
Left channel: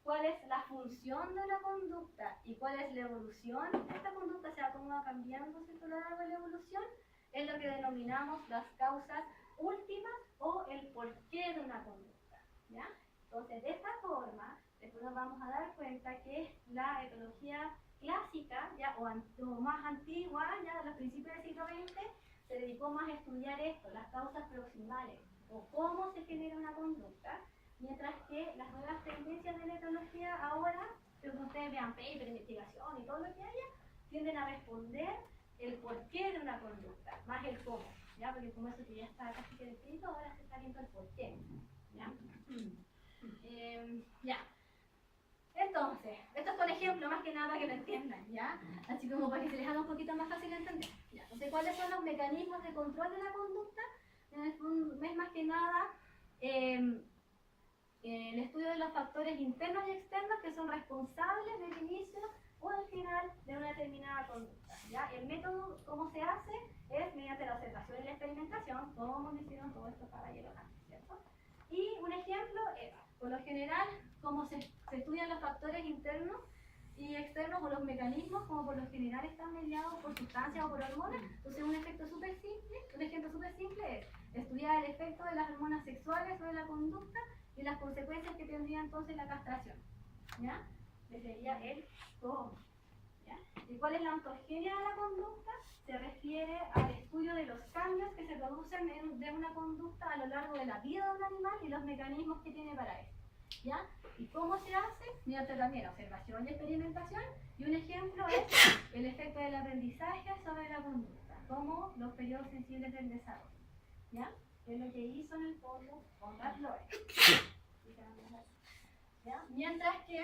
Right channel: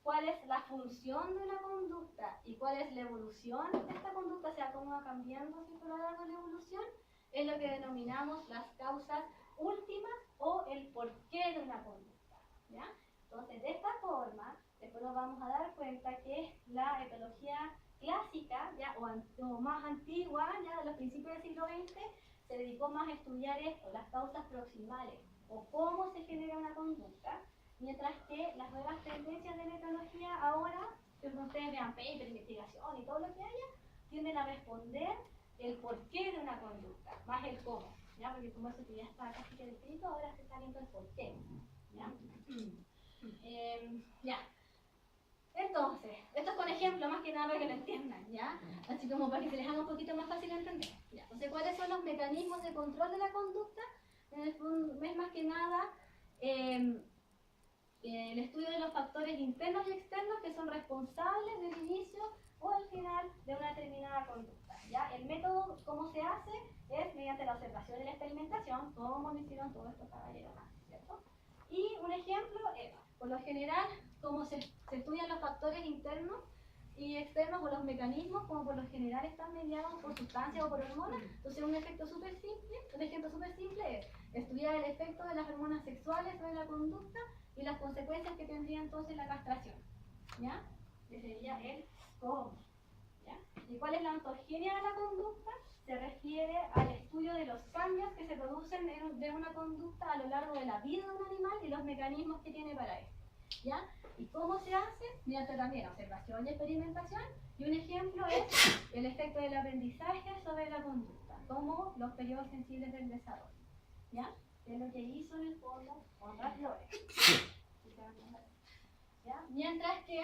cuál es la función de la conducta y cuál es la evolución de esta conducta, o sea, cómo va cambiando, ¿cierto?, a lo largo de la evolución, es lo que denominamos las causas últimas o el porqué de una conducta, ¿ya? Entonces, de esta forma, después nos vamos a dar cuenta que la etología clásica, ¿ya? O más antigua, ya de los principios del siglo XX, se dedicó más a estudiar esto, las causas proximales o cómo se genera una conducta, mientras que las nuevas tendencias de la etología ahora, que ustedes vean paper, investigación y todo lo que haya, tienden a responder el porqué de una conducta, más el cómo, ¿ya? Porque como eso que ya está casi que descrito, ahora se está viendo el porqué, ¿ya? Ya. Entonces, esto es con ejemplo más que nada para que lo entiendan, ¿ya? Así como para que se les haga un poquito más fácil entender. ¿Ya? Entonces, ¿cuáles son los mecanismos de control de la conducta? En el fondo, es más que nada el estudio de los factores internos y externos que son responsables del inicio o al final de una determinada conducta, ¿ya? El método, ¿cómo se hace? Es mediante la observación y la experimentación, como lo hicieron todos estos caballeros antes, ¿cierto? Y un ejemplo es, por lo general, cómo se estudian los factores internos y externos o los mecanismos, como por lo general están mediados por sustancias o por hormonas. Entonces, un ejemplo súper simple es estudiar el efecto de las hormonas sexuales sobre la conducta y las consecuencias que tendría entonces la castración, ¿ya? Que sería el cómo, ¿ya? ¿Y cuál es la ontogenia de la conducta? Se refiere al estudio de los cambios que se producen de una conducta a lo largo de la vida de un animal y los mecanismos que tiene para esto, ¿ya? ¿Y cómo se hace? Mediante también observación y experimentación. Y un ejemplo es el efecto del aprendizaje sobre la conducta, como los periodos sensibles del desarrollo, ¿ya? Es lo que hizo en el fondo Konrad Lorenz, ¿ya? Mientras que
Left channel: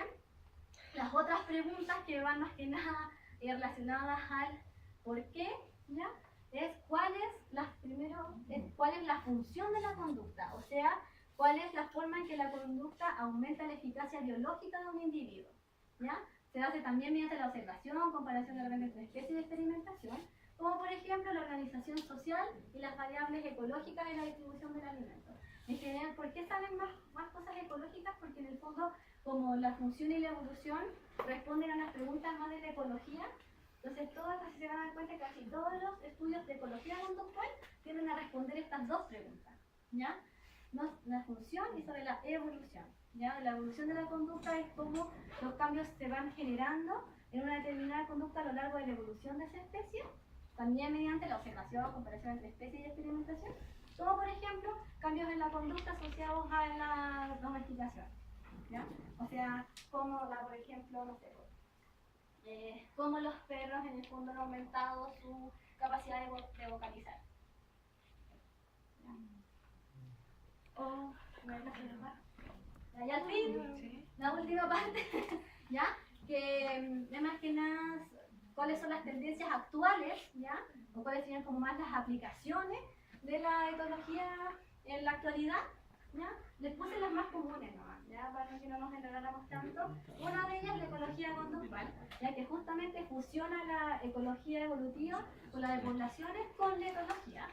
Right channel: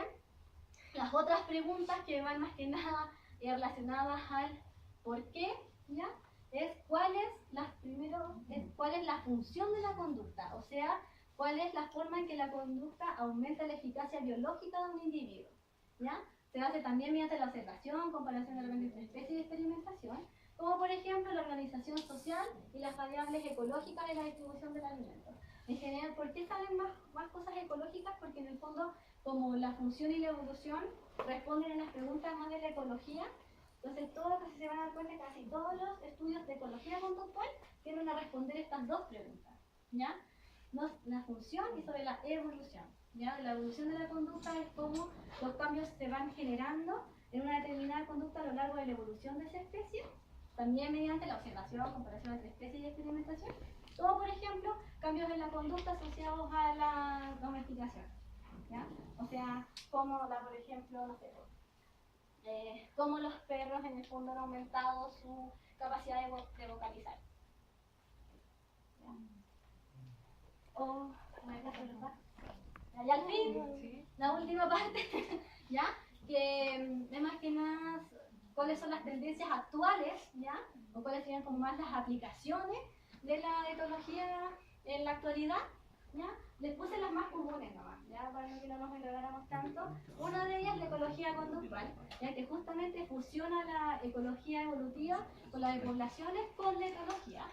las otras preguntas que van más que nada relacionadas al por qué, ¿ya? Es cuál es la función de la conducta, o sea, cuál es la forma en que la conducta aumenta la eficacia biológica de un individuo, ¿ya? Se hace también mediante la observación, comparación de repente entre especies y experimentación, como por ejemplo la organización social y las variables ecológicas en la distribución del alimento. En general, ¿por qué salen más cosas ecológicas? Porque en el fondo, como la función y la evolución responden a las preguntas más de la ecología, entonces se van a dar cuenta que casi todos los estudios de ecología conductual tienden a responder estas dos preguntas, ¿ya? La función y sobre la evolución, ¿ya? La evolución de la conducta es cómo los cambios se van generando en una determinada conducta a lo largo de la evolución de esa especie, también mediante la observación, comparación entre especies y experimentación, como por ejemplo cambios en la conducta asociados a la domesticación, ¿ya? O sea, como por ejemplo, no sé, cómo los perros en el fondo han aumentado su capacidad de vocalizar. ¿Ya? O, y al fin, la última parte, ¿ya? Que es más que nada cuáles son las tendencias actuales, ¿ya? O cuáles serían como más las aplicaciones de la etología en la actualidad, ¿ya? Les puse las más comunes nomás, ¿ya? Para que no nos enredáramos tanto. Una de ellas es la ecología conductual, ya que justamente fusiona la ecología evolutiva con la de poblaciones con la etología.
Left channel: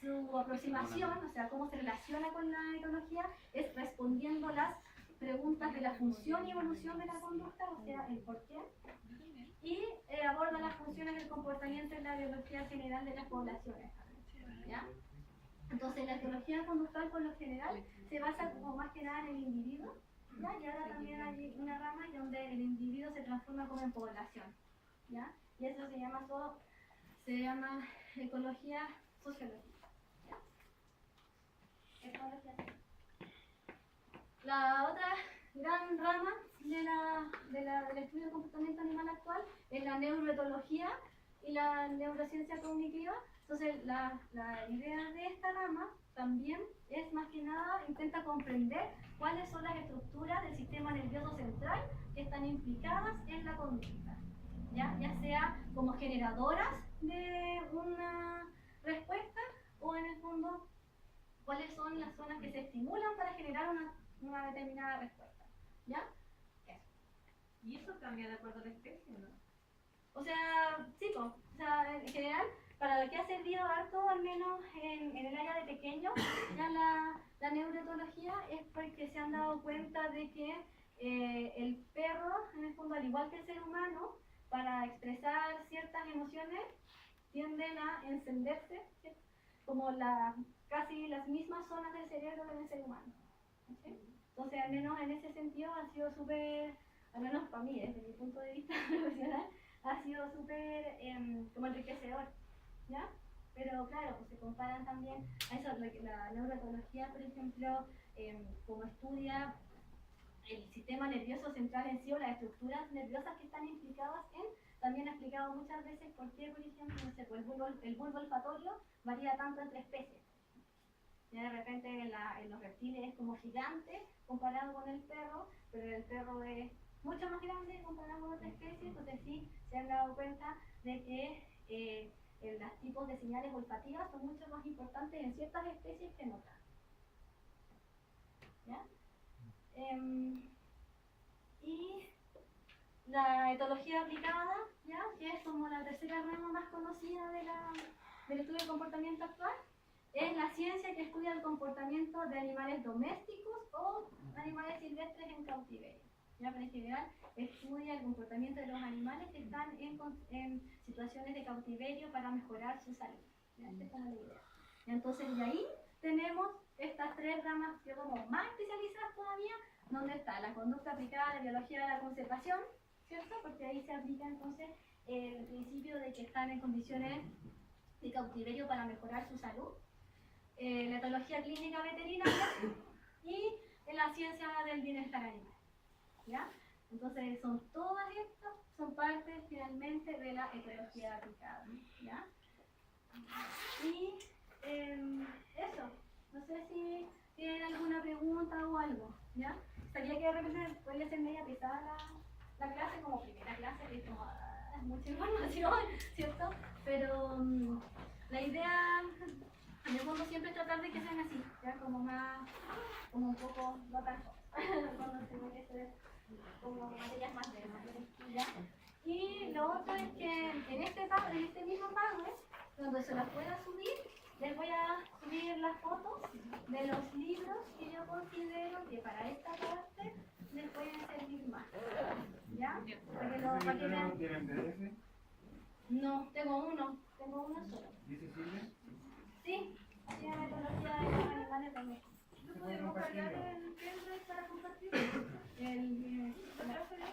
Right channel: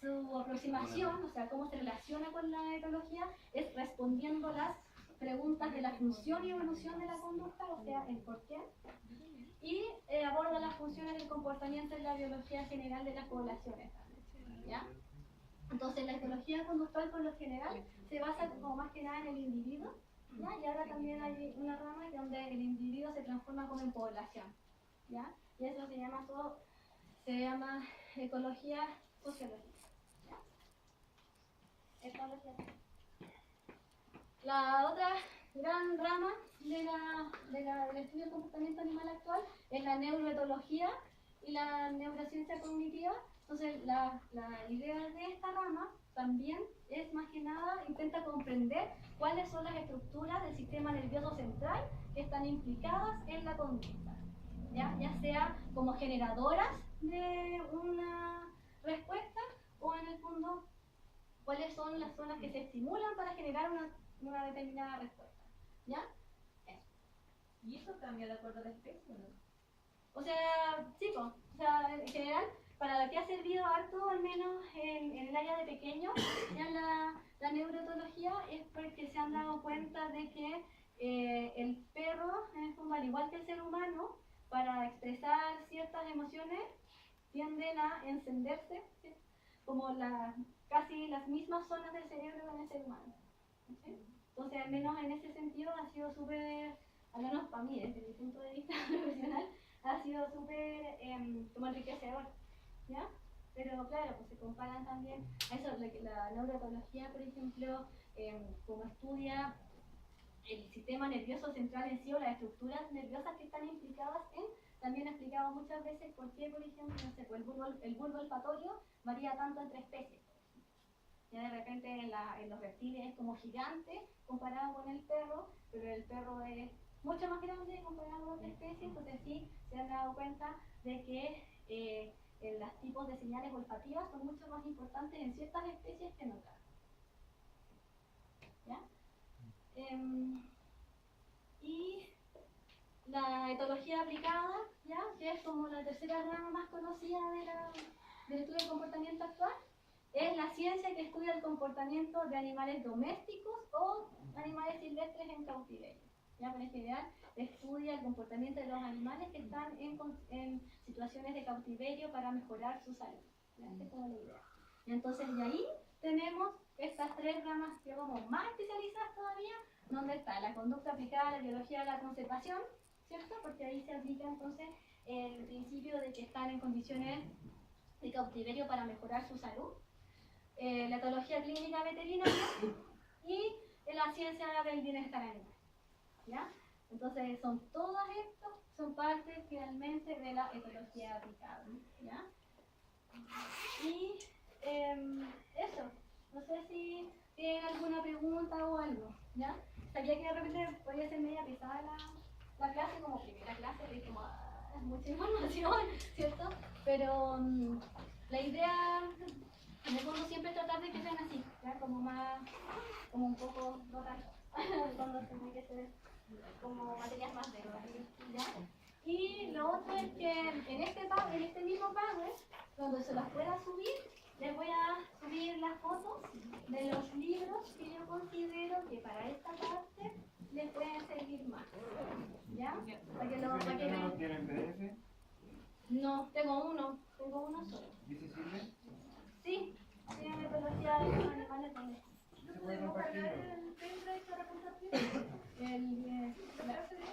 Su aproximación, o sea, cómo se relaciona con la etología, es respondiendo las preguntas de la función y evolución de la conducta, o sea, el por qué, y aborda las funciones del comportamiento en la biología general de las poblaciones, ¿ya? Entonces, la etología conductual, por lo general, se basa como más que nada en el individuo, ¿ya? Y ahora también hay una rama donde el individuo se transforma como en población, ¿ya? Y eso se llama ecología sociológica. La otra gran rama del estudio del comportamiento animal actual es la neuroetología y la neurociencia cognitiva. Entonces, la idea de esta rama también es más que nada intenta comprender cuáles son las estructuras del sistema nervioso central que están implicadas en la conducta, ya sea como generadoras de una respuesta o en el fondo cuáles son las zonas que se estimulan para generar una determinada respuesta, ¿ya? ¿Y eso cambia de acuerdo a la especie o no? O sea, sí, po. O sea, en general, para lo que ha servido harto, al menos en el área de pequeños, ya la neuroetología es porque se han dado cuenta de que el perro, en el fondo, al igual que el ser humano, para expresar ciertas emociones, tienden a encenderse, ¿sí? Como casi las mismas zonas del cerebro que en el ser humano. ¿Sí? Entonces, al menos en ese sentido, ha sido súper, al menos para mí, desde mi punto de vista profesional, ha sido súper como enriquecedor, ¿ya? Pero claro, pues se comparan también a eso, la neuroetología, por ejemplo, como estudia el sistema nervioso central en sí o las estructuras nerviosas que están implicadas también ha explicado muchas veces por qué, por ejemplo, no sé, pues el bulbo olfatorio varía tanto entre especies. Ya de repente en los reptiles es como gigante comparado con el perro, pero el perro es mucho más grande comparado con otra especie, entonces sí se han dado cuenta de que los tipos de señales olfativas son mucho más importantes en ciertas especies que en otras. ¿Ya? Y la etología aplicada, ¿ya? Que es como la tercera rama más conocida del estudio del comportamiento actual, es la ciencia que estudia el comportamiento de animales domésticos o animales silvestres en cautiverio. Ya, pero en general estudia el comportamiento de los animales que están en situaciones de cautiverio para mejorar su salud. ¿Ya? Esa es como la idea. Entonces, de ahí tenemos estas tres ramas que como más especializadas todavía, donde está la conducta aplicada a la biología de la conservación, ¿cierto? Porque ahí se aplica entonces el principio de que están en condiciones de cautiverio para mejorar su salud. La etología clínica veterinaria y la ciencia del bienestar animal. ¿Ya? Entonces son todas estas, son partes finalmente de la etología aplicada. ¿Ya? Y eso, no sé si tienen alguna pregunta o algo. ¿Ya? Sabía que de repente podría ser media pesada la clase como primera clase, que es como mucha información, ¿cierto? Pero la idea en el fondo siempre es tratar de que sean así, ¿ya? Como más, como un poco, no tanto, cuando tiene que ser como materias más densas, ¿ya? Y lo otro es que en este mismo Power, cuando se las pueda subir, les voy a subir las fotos de los libros que yo considero que para esta parte les pueden servir más, ¿ya? Para que ¿No vean. tienen PDF? No, tengo uno solo. ¿Dice sirve? Sí, sí, metodología de los animales también. ¿Se puede compartir? ¿El pendrive para compartir? ¿La clase de?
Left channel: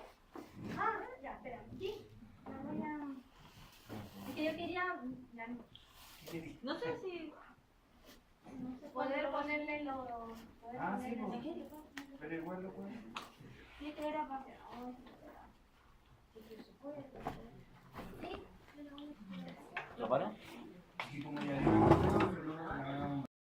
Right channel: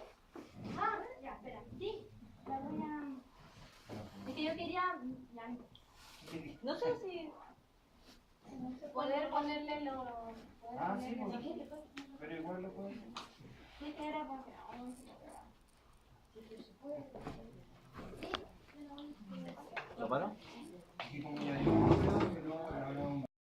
Ah, ya, espera. Sí, la voy a... Es que yo quería... ya, no sé si... Poder ponerle los... Ah, sí, pero igual lo puedo. Sí, que era para... Sí, ¿Lo paro? Y como ya digo,